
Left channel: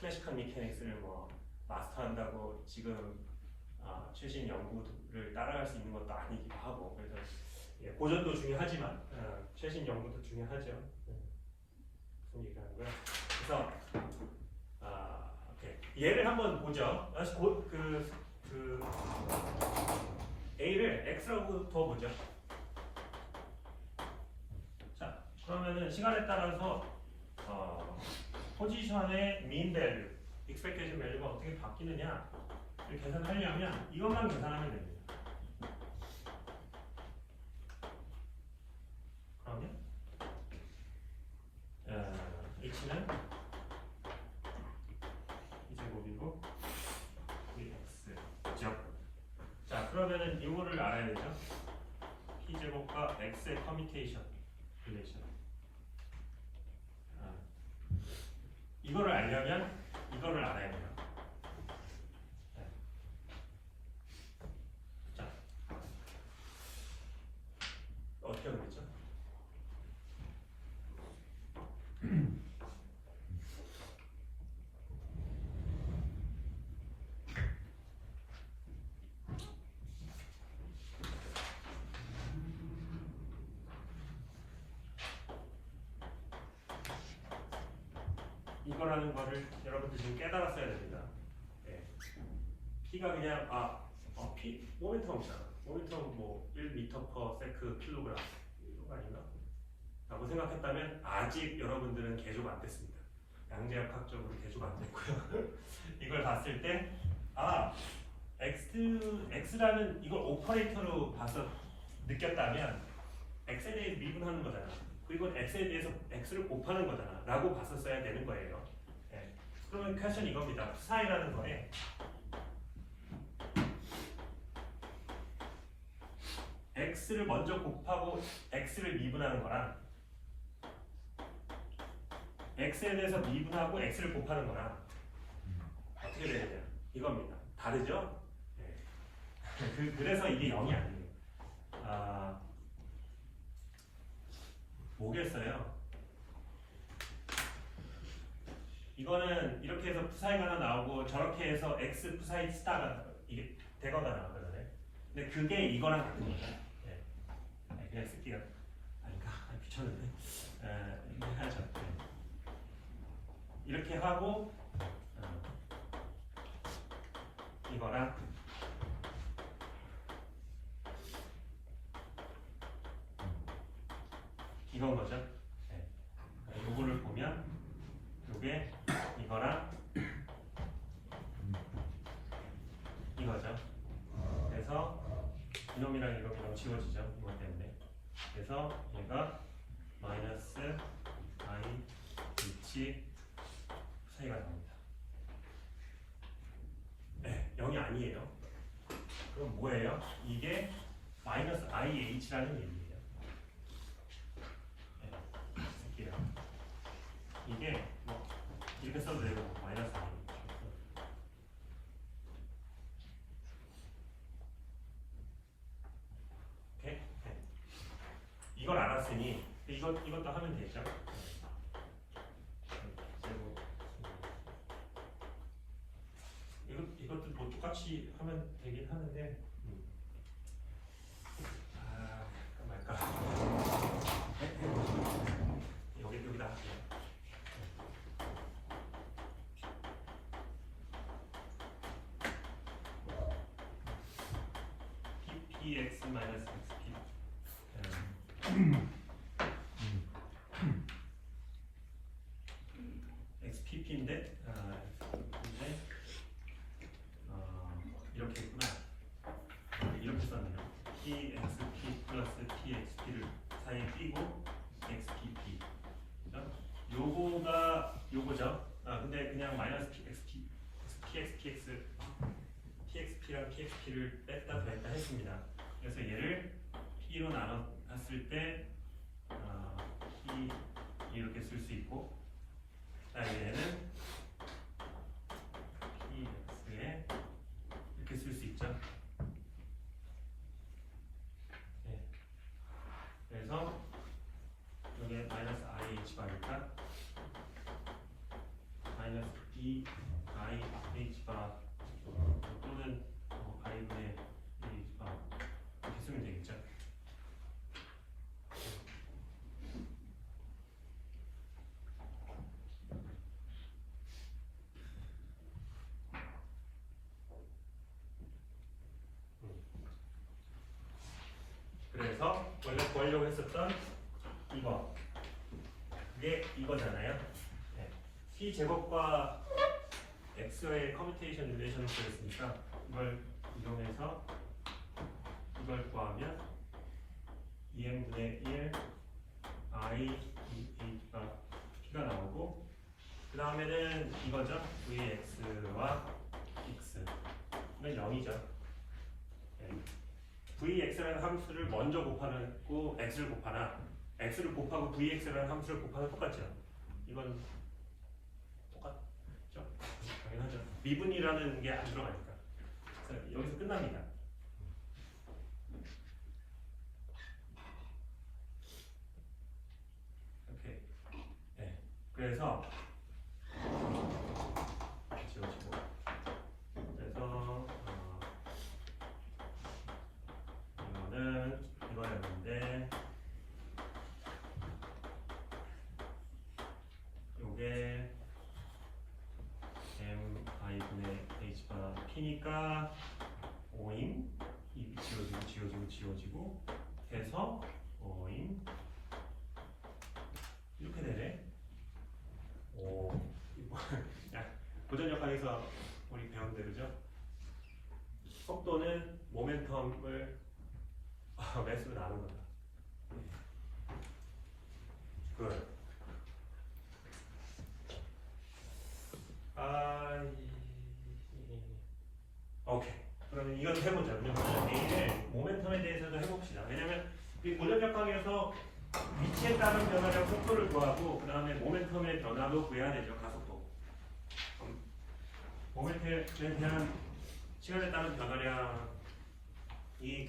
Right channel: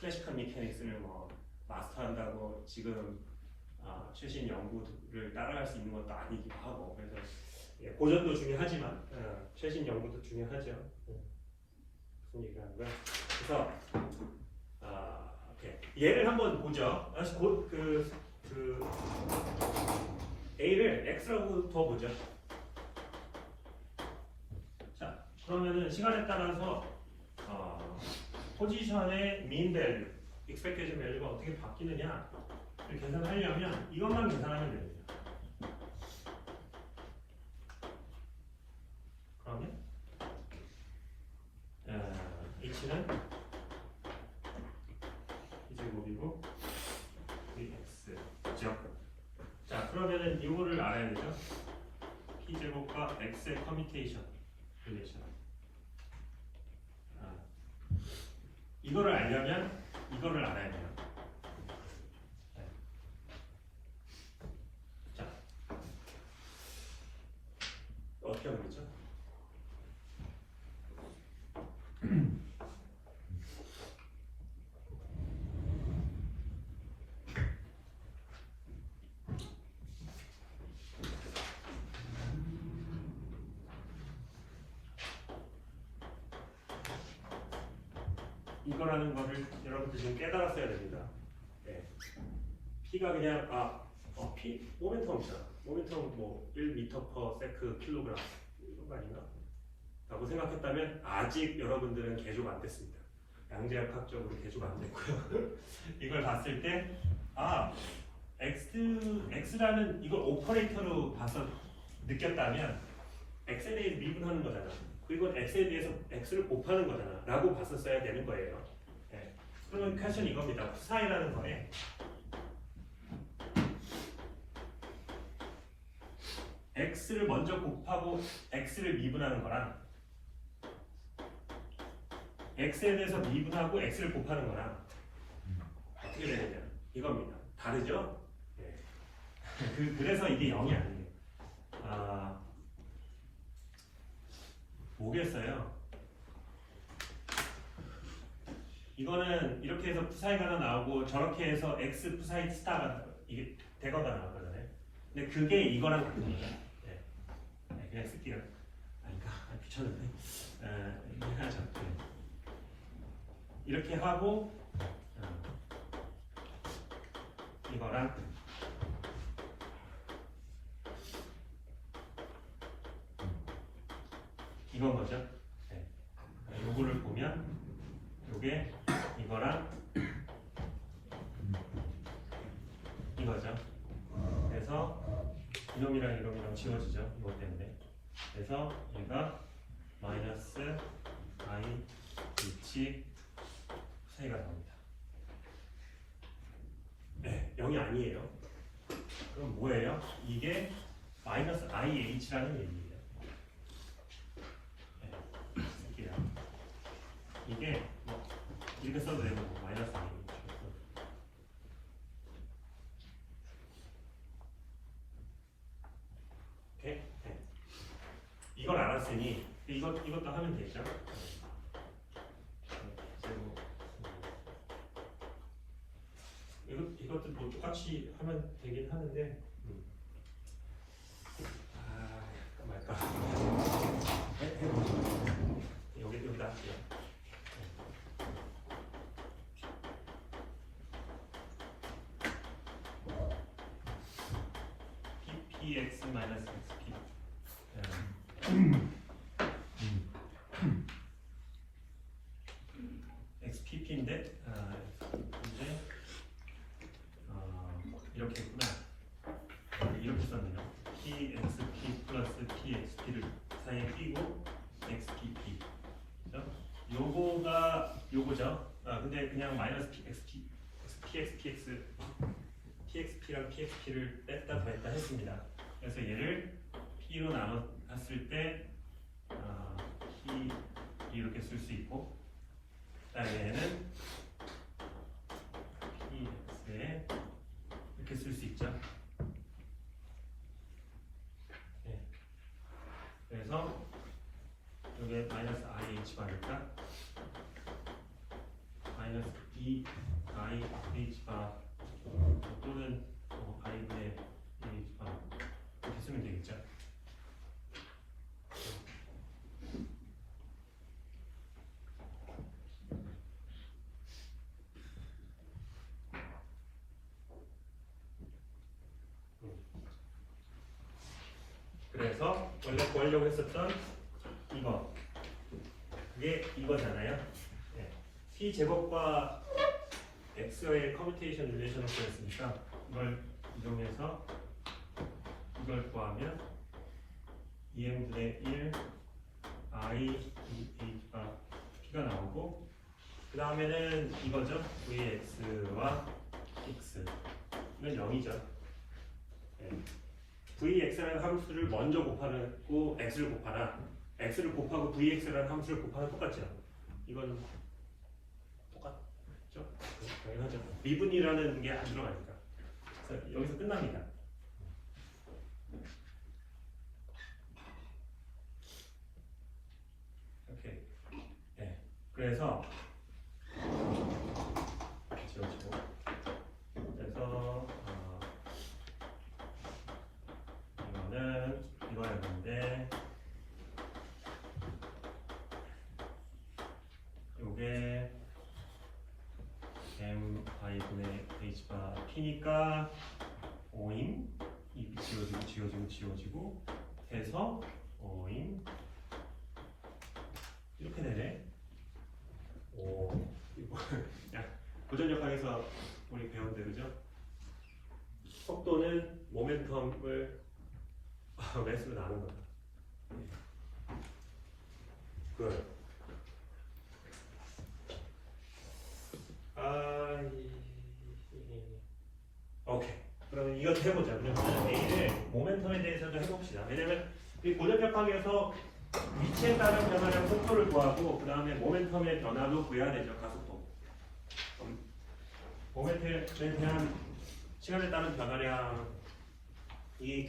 클래시컬 미케닉스를 뭐 마스터한다고 지금 최신 연구를 따라갈 수 있는 것도 아니기도 하고 그래서 예, 고전도 중요하지만 최신 연구도 중요하죠. 무슨 얘기하는 거야? 그래서 오케이. 얘를 한번 보죠. 다시 그 A를 X라고 더 보죠. 자, 그러면은 시간에 따라서 포지션의 mean value, expected value가 어떻게 바뀌느냐를 계산하려면 이것만 계산하면 됩니다. 그러면 H는 T제곱이고 이 X 그죠? 자 그러면은 이거를 알아야 되죠? T제곱과 X의 커뮤테이션 릴레이션 이거를 알려면 이거를 알아야 돼요. 자 어떻게 하는 거죠? 이거라는 거를 여러분들 지금 깨달았어야 됩니다. 네. P가 그냥 P 모멘텀이잖아. 모멘텀 뭐 1m/s/kg 이거 아닌가? 라고 생각했다면 아직 여러분들은 개조가 안 됐습니다. 양재역학적으로 개조가 안 됐고요. 이걸 봤을 때 X라는 이걸 오퍼레이터로 봐서 느꼈다면 X에 대해 미분하는 거잖아. 그리고 X에 대해서 X를 곱하는 거잖아 라고 봤었어야 되는 거예요. 네. 그러면 퀘스천 이겁니다. 사이라는 거에 X를 먼저 곱하고 X를 미분하는 거랑 X에 대해서 미분하고 X를 곱하는 거랑 어떻게 되느냐 이겁니다. 다르죠? 네. 그래서 이게 0이 아니에요. 뭐겠어요? 이거는 이렇게 해서 푸사이가 하나 나오고 저렇게 해서 X 푸사이 스타가 이게 대거가 나오거든요. 근데 그게 이거랑 같은 거예요. 네. 그냥 쓸게요. 아닌가? 귀찮은데. 이렇게 하죠. 이렇게 하고 이거랑 이건 거죠. 네. 요거를 보면 요게 이거랑 이거죠. 그래서 이놈이랑 지워지죠. 이것 때문에. 그래서 얘가 마이너스 I H 사이가 나옵니다. 네, 0이 아니에요. 그럼 뭐예요? 이게 마이너스 IH라는 얘기예요. 이게 뭐 이렇게 써도 되고 마이너스 I 오케이? 네. 이걸 알았으니 이것도 하면 되죠. 그리고 이것도 뭐 똑같이 하면 되긴 하는데 말까 여기다 할게요. PX 마이너스 XP XPP인데 이제 이렇게 있구나. 이렇게 썼네요. PXP 플러스 PXP를 사이에 끼고 XPP. 요거가 요거죠. 근데 그냥 마이너스 PXP, PXPX, PXP랑 PXP를 뺐다 했습니다. 그래서 얘를 P로 나눴을 때 P 이렇게 쓸 수 있고, 그다음에 얘는 PX에 이렇게 쓸 수 있죠. 네. 그래서 여기 마이너스 IH 바니까 마이너스 DIH 바 또는 IH 그래서 원래 구하려고 했었던 이거 이게 이거잖아요. 네. C 제곱과 x의 커뮤테이션 릴레이션으로였으니까 이걸 이동해서 이걸 구하면 2n분의 1 i h가 p가 나오고 그 다음에는 이거죠. vx와 x는 0이죠. 네. vx라는 함수를 먼저 곱하고 x를 곱하나 x를 곱하고 vx라는 함수를 곱하면 똑같죠. 이건 똑같죠? 당연하죠. 미분이라는 게 안 들어가니까. 그래서 여기서 끝납니다. 오케이. 네. 그래서 지워지고. 그래서 이거는 이거였는데 요게 mi분의 h가 p니까 5인 이 지워지고 해서 5인 이렇게 되네. 오, 고전역학에서 우리 배운 대로죠. 속도는 모멘텀을 매수로 나눈 거다. 굿. 오케이. 그러면 이것도 해보자. A를 모멘텀에 대해서도 해봅시다. 왜냐면 이 고전역학에서 위치에 따른 변화량 속도를 구하고 그 다음에 모멘텀의 변화도 구해야 되죠. 가속도. 모멘텀에 대한 시간에 따른 변화량이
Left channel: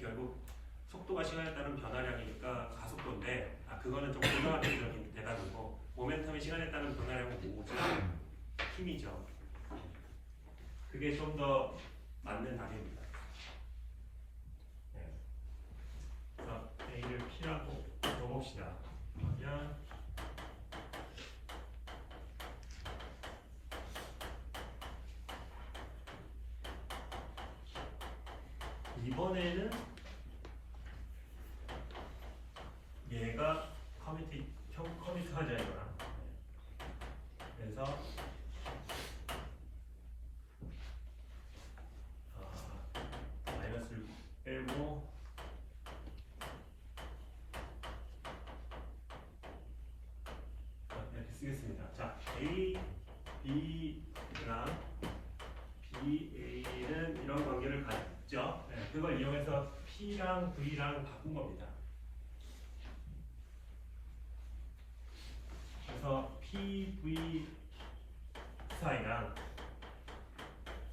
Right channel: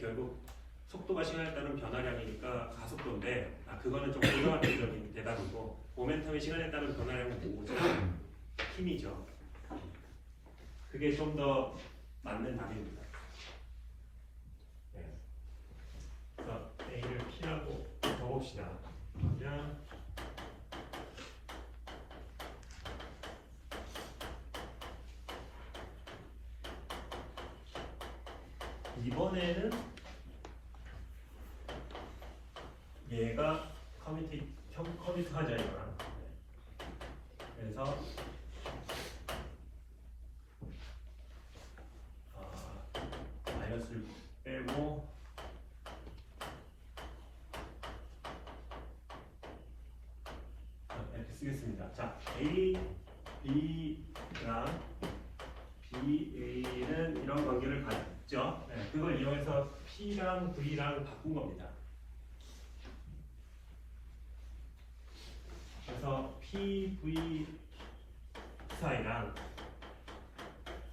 결국 속도가 시간에 따른 변화량이니까 가속도인데 그거는 좀 고정학적인 대답이고 모멘텀이 시간에 따른 변화량은 뭐죠? 힘이죠. 그게 좀 더 맞는 답입니다. 네. 그래서 A를 P라고 적읍시다. 그러면 이번에는 얘가 커뮤니티하자 이거랑. 그래서 마이너스를 빼고 이렇게 쓰겠습니다. 자, A, B랑 BA는 이런 관계를 갖죠. 네, 그걸 이용해서 P랑 V랑 바꾼 겁니다. 그래서 PV 사이랑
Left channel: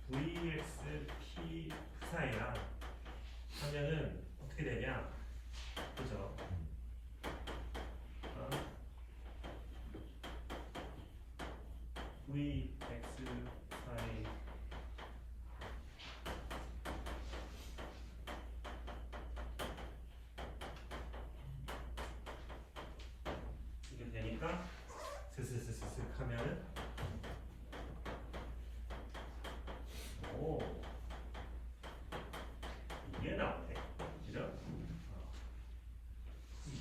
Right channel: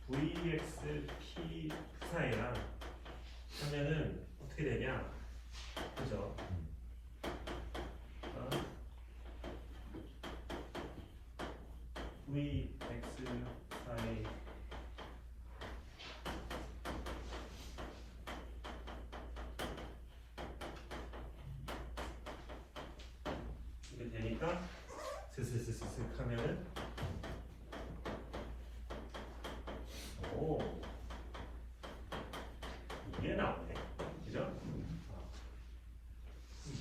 VXP 사이랑 하면은 어떻게 되냐? 그죠? VX 사이 이렇게 되니까 스스스스슥 하면은 오 이게 나오네. 그죠?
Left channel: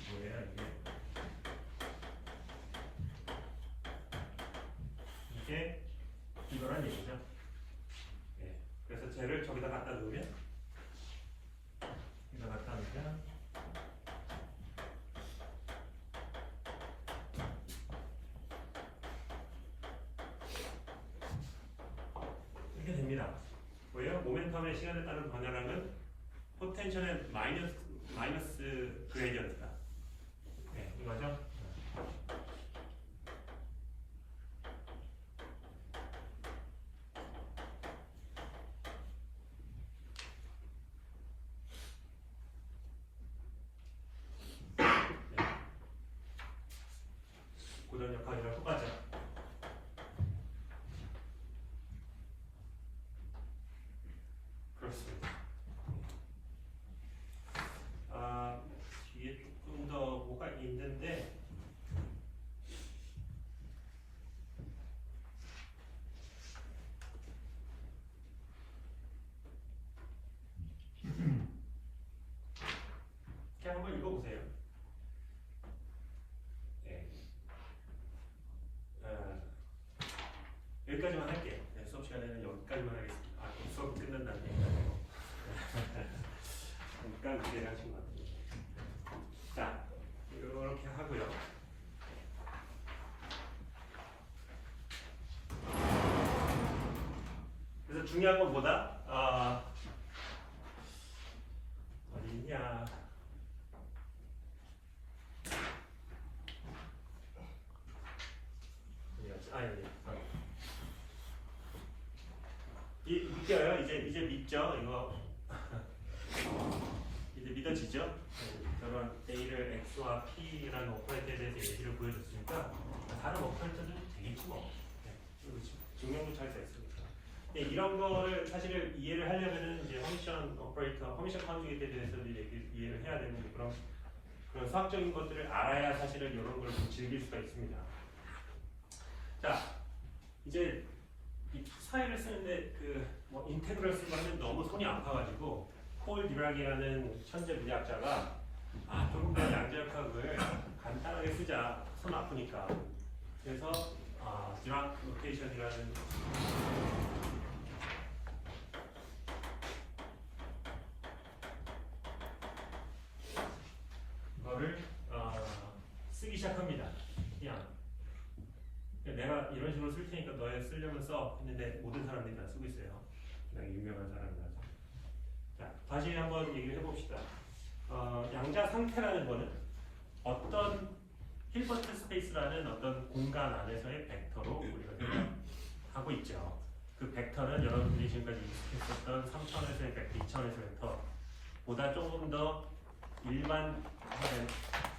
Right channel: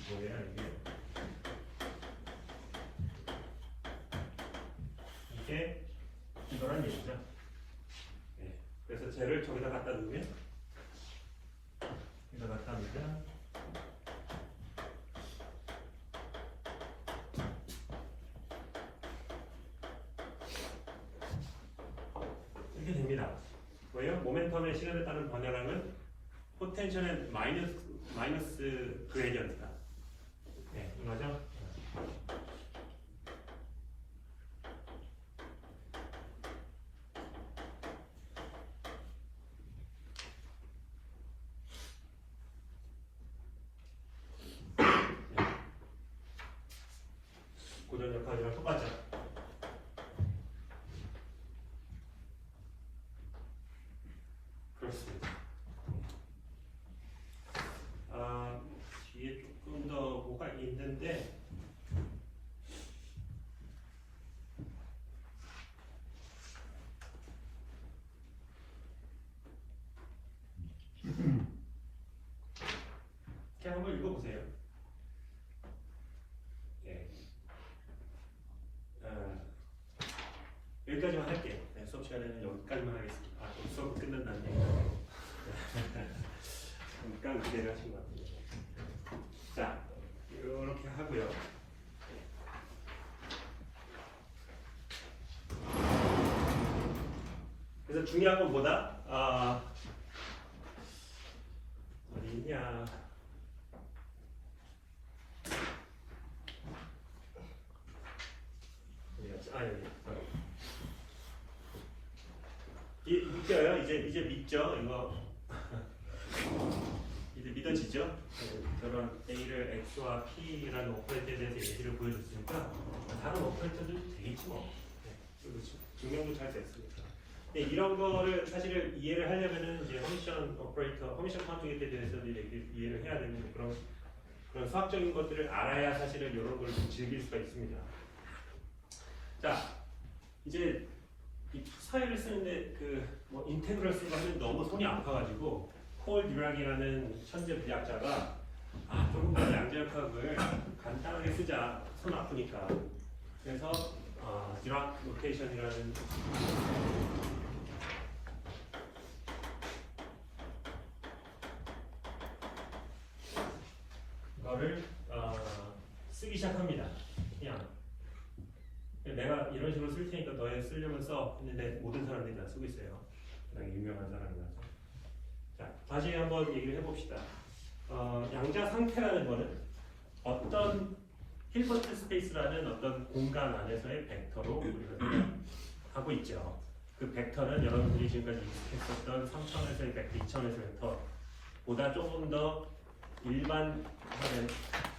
뭐야 이게 이거란 얘기죠. 네. 그래서 쟤를 저기다 갖다 놓으면 여기다 갖다 놓으면 이렇게 됩니다. 뭐예요? 모멘텀의 시간에 따른 변화량은 포텐셜의 마이너스 그레디언트다. 네, 이거죠. 고전 역학이랑 똑같죠. 그렇습니다. 뒤에 조금 더 뭐가 있는데 여기까지만 하겠습니다. 수업 끝난다는 얘기가 잠깐 기대를 하신 것 같아요. 자, 이렇게 하고요. 그래서 중요한 건 뭐다? 어디냐? 여기. 믿겨요? 이제 믿죠? 이거 이제 믿어지죠? 저런 A를 X와 P라는 오퍼레이터에 대해서 예시를 보여줬으니까 다른 오퍼레이터도 되겠지 뭐. 그렇죠. 증명도 잘 됐으니까. 네, 이런 거를 사실 이해를 하려면은 이제 커미션 오퍼레이터, 커미션 컨주게이트에 대해서 이해를 해야 되는 그런 수학적인 것들을 알아야 사실은 이런 걸 좀 즐길 수가 있습니다. 자, 이제 이 사회를 쓰는데 뭐 인테그럴 쓰고 하면 너무 손이 아파가지고 폴 디락이라는 천재 물리학자가 조금 더 양자역학을 간단하게 쓰자, 손 아프니까. 그래서 디락 로테이션이라는 거를 쓰기 시작합니다. 그냥 내가 이런 식으로 쓸 테니까 너희 쓰려면 써. 했는데 모든 사람들이 다 쓰고 있어요. 그냥 유명한 사람이라서. 자, 다시 한번 얘기를 해봅시다. 양자 상태라는 거는 어떤 힐버트 스페이스라는 어떤 공간 안에서의 벡터로 우리가 하고 있죠. 그 벡터는 여러분들이 지금까지 익숙했었던 3차원에서의 벡터, 2차원에서의 벡터보다 조금 더 일반화된,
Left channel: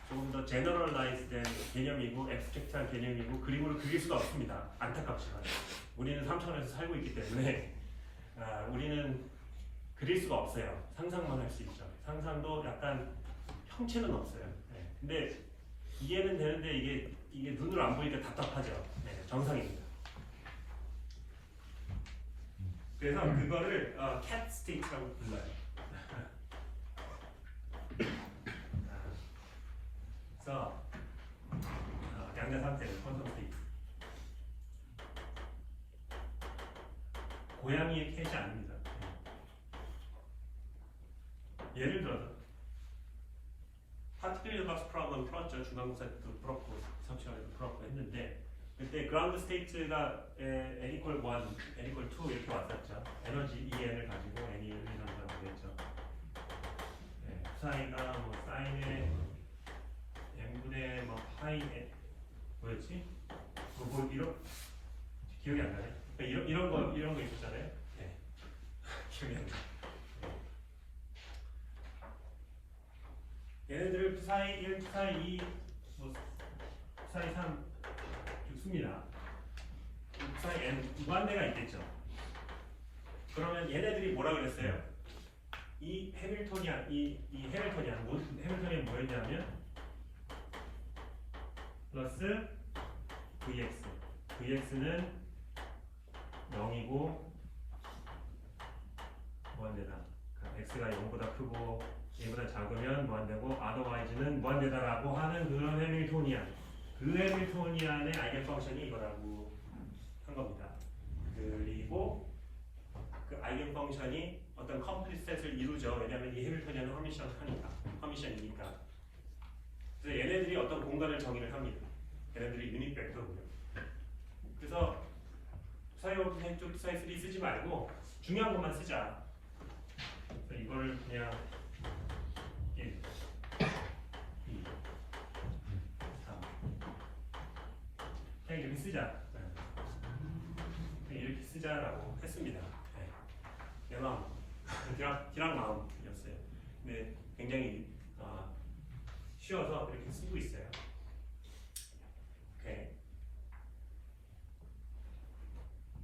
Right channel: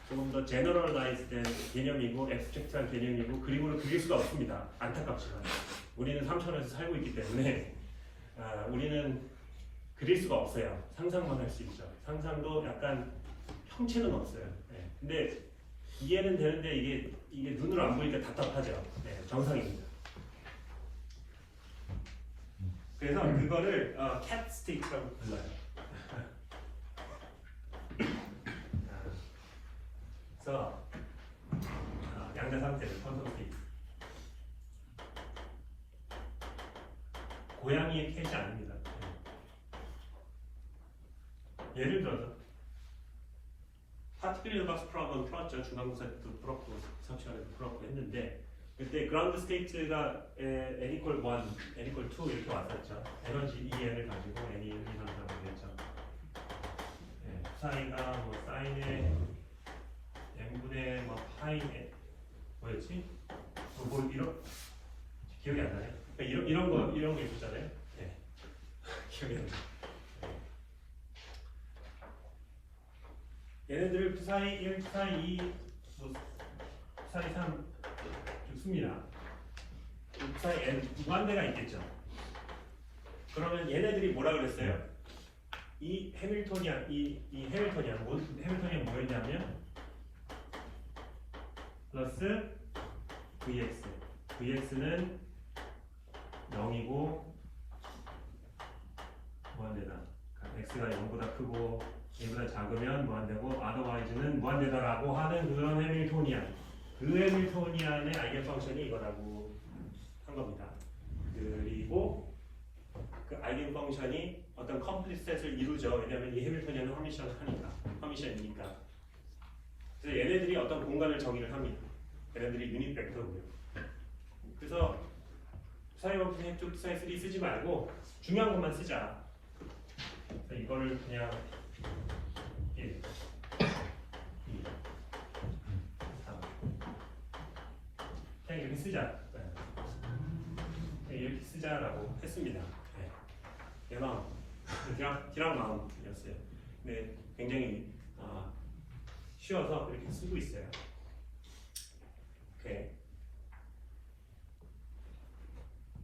조금 더 제너럴라이즈된 개념이고 앱스트랙트한 개념이고 그림으로 그릴 수가 없습니다. 안타깝지만 우리는 3차원에서 살고 있기 때문에 우리는 그릴 수가 없어요. 상상만 할 수 있죠. 상상도 약간 형체는 없어요. 네. 근데 이해는 되는데 이게 눈으로 안 보이니까 답답하죠. 네, 정상입니다. 그래서 그거를 cat state라고 불러요. 그래서 양자 상태를 펀성 스테이트. 고양이의 캣이 아닙니다. 예를 들어서 파티클 박스 프로그램 풀었죠. 중간고사 때도 풀었고 석시원에도 풀었고 했는데 그때 그라운드 스테이트가 n equal 1, n equal 2 이렇게 왔었죠. 에너지 EN을 가지고 n이 이런다고 했죠. 사이가 뭐 사인의 n분의 뭐 파이의 뭐였지? 뭐 이런 기억이 안 나네. 그러니까 이런 거 있었잖아요. 네. 기억이 안 나. 얘네들 psi 1, psi 2, 뭐 psi 3 줍습니다. psi n 무한대가 있겠죠. 그러면 얘네들이 뭐라 그랬어요? 이 해밀토니안, 해밀토니안 뭐였냐면 플러스 vx, vx는 0이고 무한대다. x가 0보다 크고 1보다 작으면 무한대고 otherwise는 무한대다라고 하는 그런 해밀토니안. 그 해밀토니안의 아이겐 펑션이 이거라고 한 겁니다. 그리고 그 아이겐 펑션이 어떤 컴플리트 셋을 이루죠. 왜냐하면 이 해밀토니안은 허미션이니까. 그래서 얘네들이 어떤 공간을 정의를 합니다. 얘네들이 유닛 벡터고요. 그래서 사이버크 해쪽 사이3 쓰지 말고 중요한 것만 쓰자. 그래서 이거를 그냥 1, 2, 3 그냥 이렇게 쓰자. 이렇게 쓰자라고 했습니다. 네. 내 마음, 디락 마음이었어요. 근데 굉장히 쉬워서 이렇게 쓰고 있어요. 오케이.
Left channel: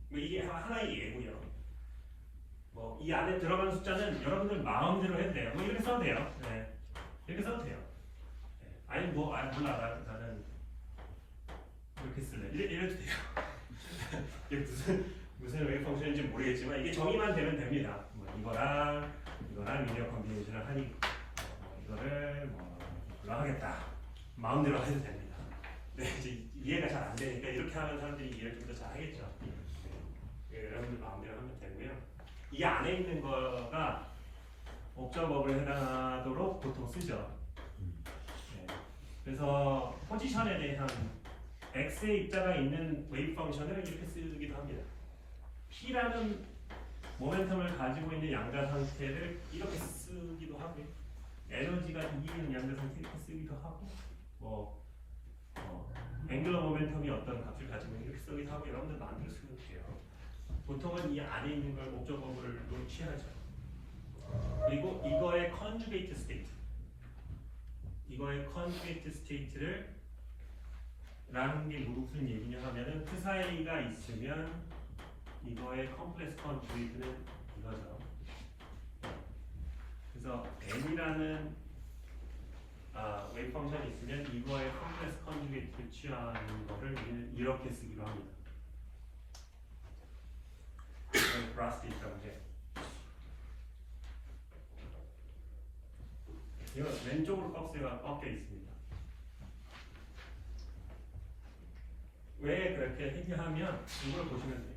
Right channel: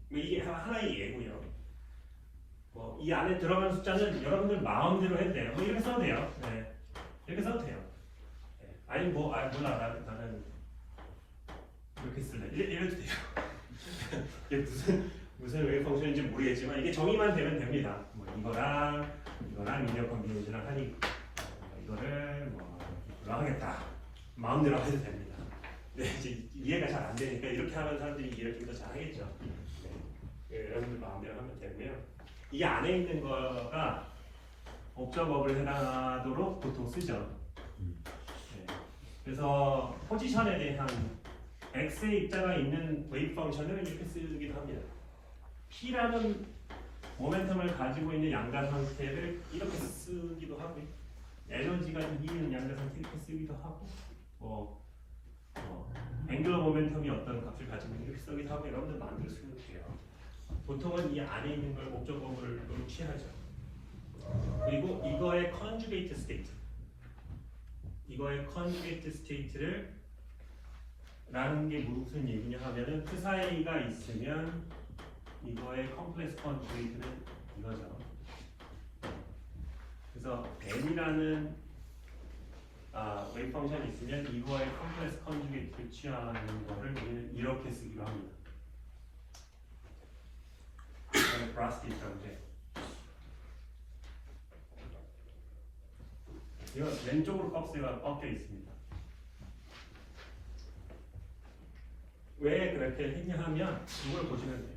뭐 이게 하나의 예고요. 뭐 이 안에 들어가는 숫자는 여러분들 마음대로 해도 돼요. 뭐 이렇게 써도 돼요. 네. 이렇게 써도 돼요. 네. 아니 몰라 나는 이렇게 쓸래. 이래도 돼요. 이게 무슨 웨이브 펑션인지 모르겠지만 이게 정의만 되면 됩니다. 뭐 이거랑 리니어 컨비네이션을 하니 이거를 뭐 이걸로 하겠다. 마음대로 해도 됩니다. 네, 이제 이해가 잘 안 되니까 이렇게 하면 사람들이 이해를 좀 더 잘 하겠죠. 네. 예, 여러분들 마음대로 하면 되고요. 이 안에 있는 거가 옵저버블 해당하도록 보통 쓰죠. 네. 그래서 포지션에 대한 x의 입자가 있는 웨이브 펑션을 이렇게 쓰기도 합니다. p라는 모멘텀을 가지고 있는 양자 상태를 이렇게 쓰기도 하고요. 에너지가 이기는 양자 상태 이렇게 쓰기도 하고, 앵글러 모멘텀이 어떤 값을 가지고 있는 이렇게 쓰기도 하고, 여러분들 마음대로 쓰면 돼요. 보통은 이 안에 있는 걸 옵저버블로 취하죠. 그리고 이거의 컨주게이트 스테이트, 이거의 컨주게이트 스테이트를 라는 게 무슨 얘기냐 하면은 그 사이가 있으면 이거의 컴플렉스 컨주게이트는 이거죠. 그래서 n이라는 웨이브 펑션이 있으면 이거의 컴플렉스 컨주게이트를 취하는 거를 우리는 이렇게 쓰기로 합니다. 이건 브라스테이트인데 이거 왼쪽으로 껍질가 꺾여 있습니다. 왜 그렇게 했냐 하면 이걸 보시면 돼요.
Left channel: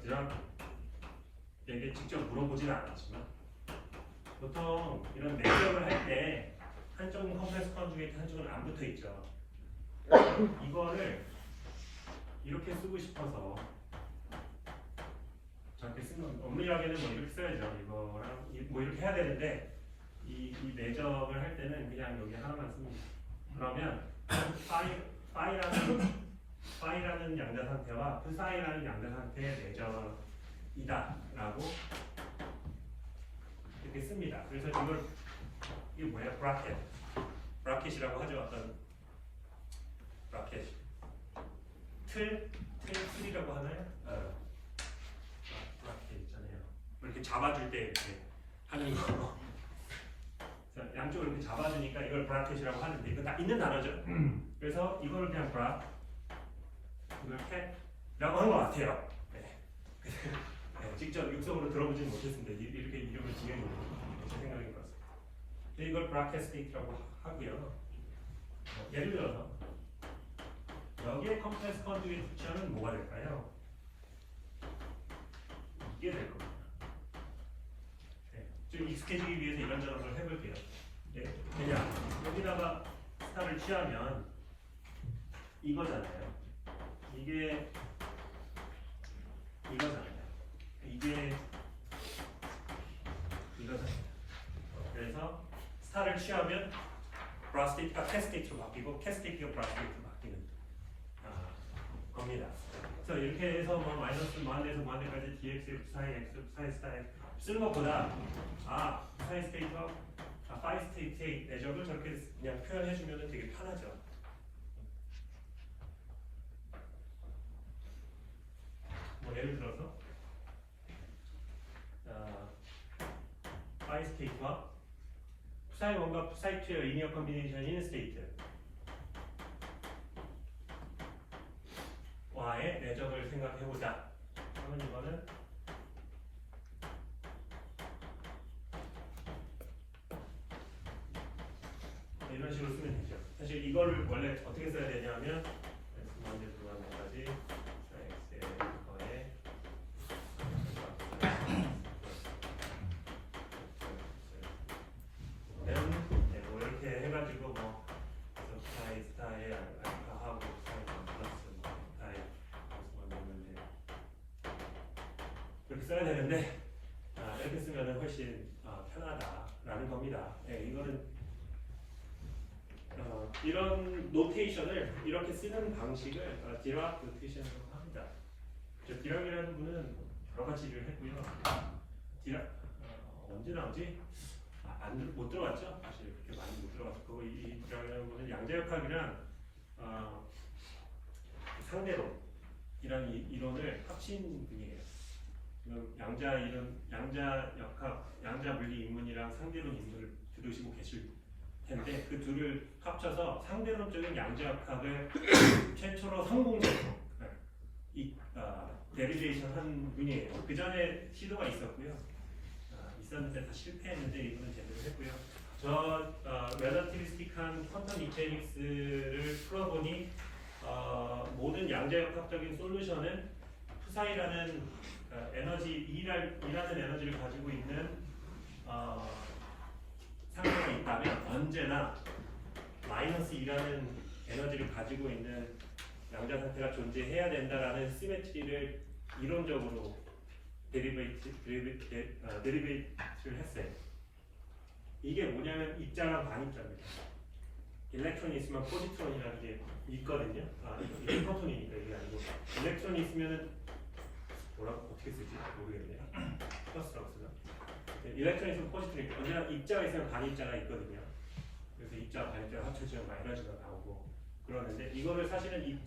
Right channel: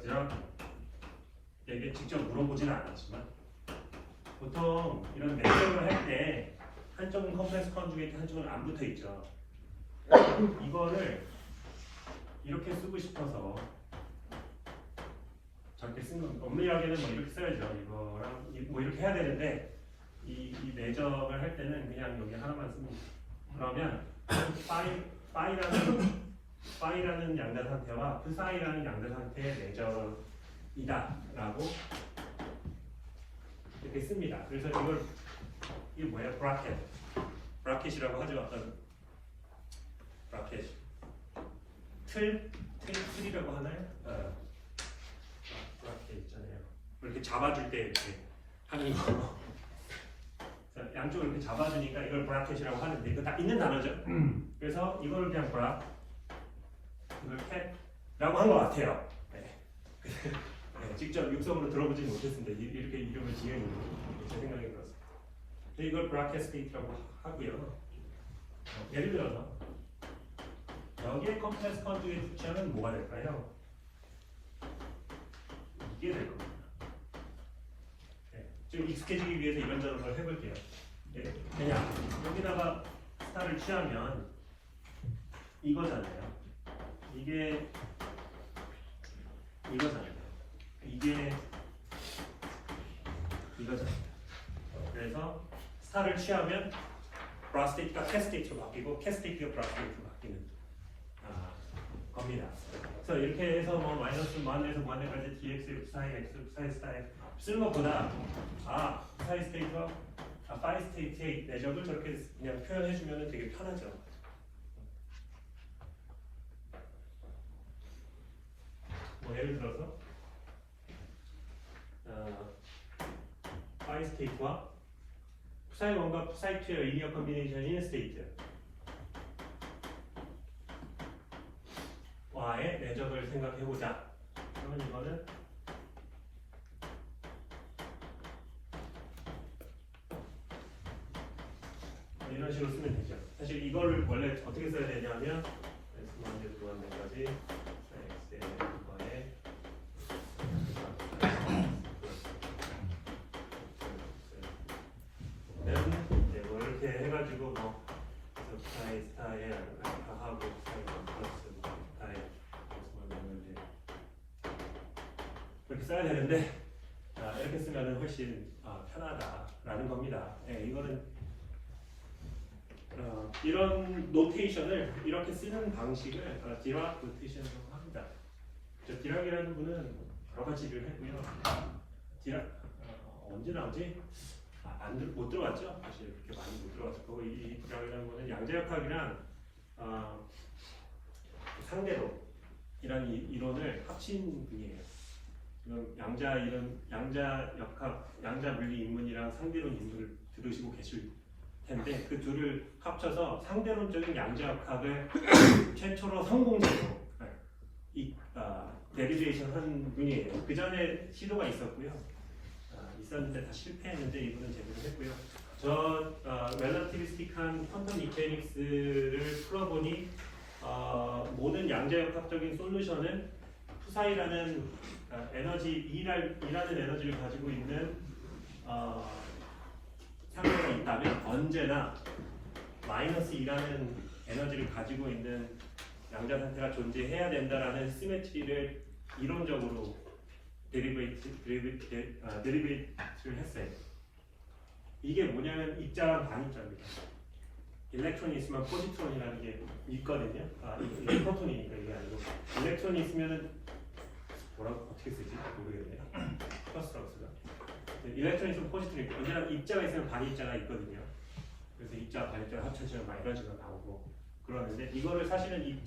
제가 이게 직접 물어보지는 않았지만 보통 이런 매듭을 할 때 한쪽은 컴플렉스 컨주게이트, 한쪽은 안 붙어 있죠. 이거를 이렇게 쓰고 싶어서 저렇게 쓰는 엄밀하게는 뭐 이렇게 써야죠. 이거랑 뭐 이렇게 해야 되는데 이 매점을 할 때는 그냥 여기 하나만 씁니다. 그러면 파이라는 양자 상태와 프사이라는 양자 상태의 매점이다라고 이렇게 씁니다. 그래서 이게 뭐예요? 브라켓이라고 하죠. 어떤 브라켓 틀이라고 하나요? 브라켓 있잖아요. 이렇게 잡아줄 때 이렇게 하는 거. 양쪽을 이렇게 잡아주니까 이걸 브라켓이라고 하는데 이거 다 있는 단어죠. 그래서 이거를 그냥 이걸 캣라고 한 것 같아요. 네. 네, 직접 육성으로 들어보지 못했습니다. 이렇게 이름을 지은 제 생각이 그렇습니다. 이걸 브라켓 스테이트라고 하고요. 예를 들어서 여기에 컴플렉스 컨주게이트 취하면 뭐가 될까요? 이게 될 겁니다. 네, 좀 익숙해지기 위해서 이런저런 걸 해볼게요. 네, 그냥 여기다가 스타를 취하면 이거잖아요. 이게 이거잖아요. 이게 이거잖아요. 그래서 스타를 취하면 브라스테이트가 캐스테이트로 바뀌고 캐스테이트가 브라스테이트로 바뀌는 겁니다. 그래서 이렇게 해서 뭐 마이너스 무한에서 무한까지 dx, psi, x, psi, 스타에 쓰는 것보다 psi 스테이트와 phi 스테이트의 내적을 저렇게 그냥 표현해주면 되게 편하죠. 뭐 예를 들어서 phi 스테이트와 psi 1과 psi 2의 리니어 컨비네이션인 스테이트 와의 내적을 생각해보자. 그러면 이거는 이런 식으로 쓰면 되죠. 사실 이걸 원래 어떻게 써야 되냐면 문제 구하는까지 x의 거에 뭐 이렇게 해가지고 뭐 스타에 하고 플러스 스타에 그렇게 써야 되는데 이렇게 쓰면 훨씬 편하다라는 겁니다. 네, 이거는 이런 노테이션을 이렇게 쓰는 방식을 디락 노테이션이라고 합니다. 디락이라는 분은 여러 가지 일을 했고요. 디락 언제 나오지? 못 들어갔죠? 사실 그렇게 많이 못 들어갔고 이 디락이라는 분은 양자역학이랑 상대로 이런 이론을 합친 분이에요. 양자역학, 양자물리 인문이랑 상대론 인문을 들으시고 계실 텐데 그 둘을 합쳐서 상대론적인 양자역학을 최초로 성공적으로 데리베이션 한 분이에요. 그 전에 시도가 있었고요. 있었는데 다 실패했는데 이분은 제대로 했고요. 저 relativistic한 퀀텀 미케닉스를 풀어보니 모든 양자역학적인 솔루션은 푸사이라는 E라는 에너지를 가지고 있는 상태가 있다면 언제나 마이너스 E라는 에너지를 가지고 있는 양자 상태가 존재해야 된다라는 시메트리를 이론적으로 드리베이트를 했어요. 이게 뭐냐면 입자랑 반입자입니다. 일렉트론이 있으면 포지트론이라는 게 있거든요. 이게 프로톤이니까 이게 아니고 일렉트론이 있으면은 뭐라고 어떻게 쓰지 모르겠네요. 플러스라고 쓰나? 일렉트론이 있으면 포지트론이 있고 언제나 입자가 있으면 반입자가 있거든요. 그래서 입자 반입자가 합쳐지면 막 에너지가 나오고 그러는데 이거를 사실은 이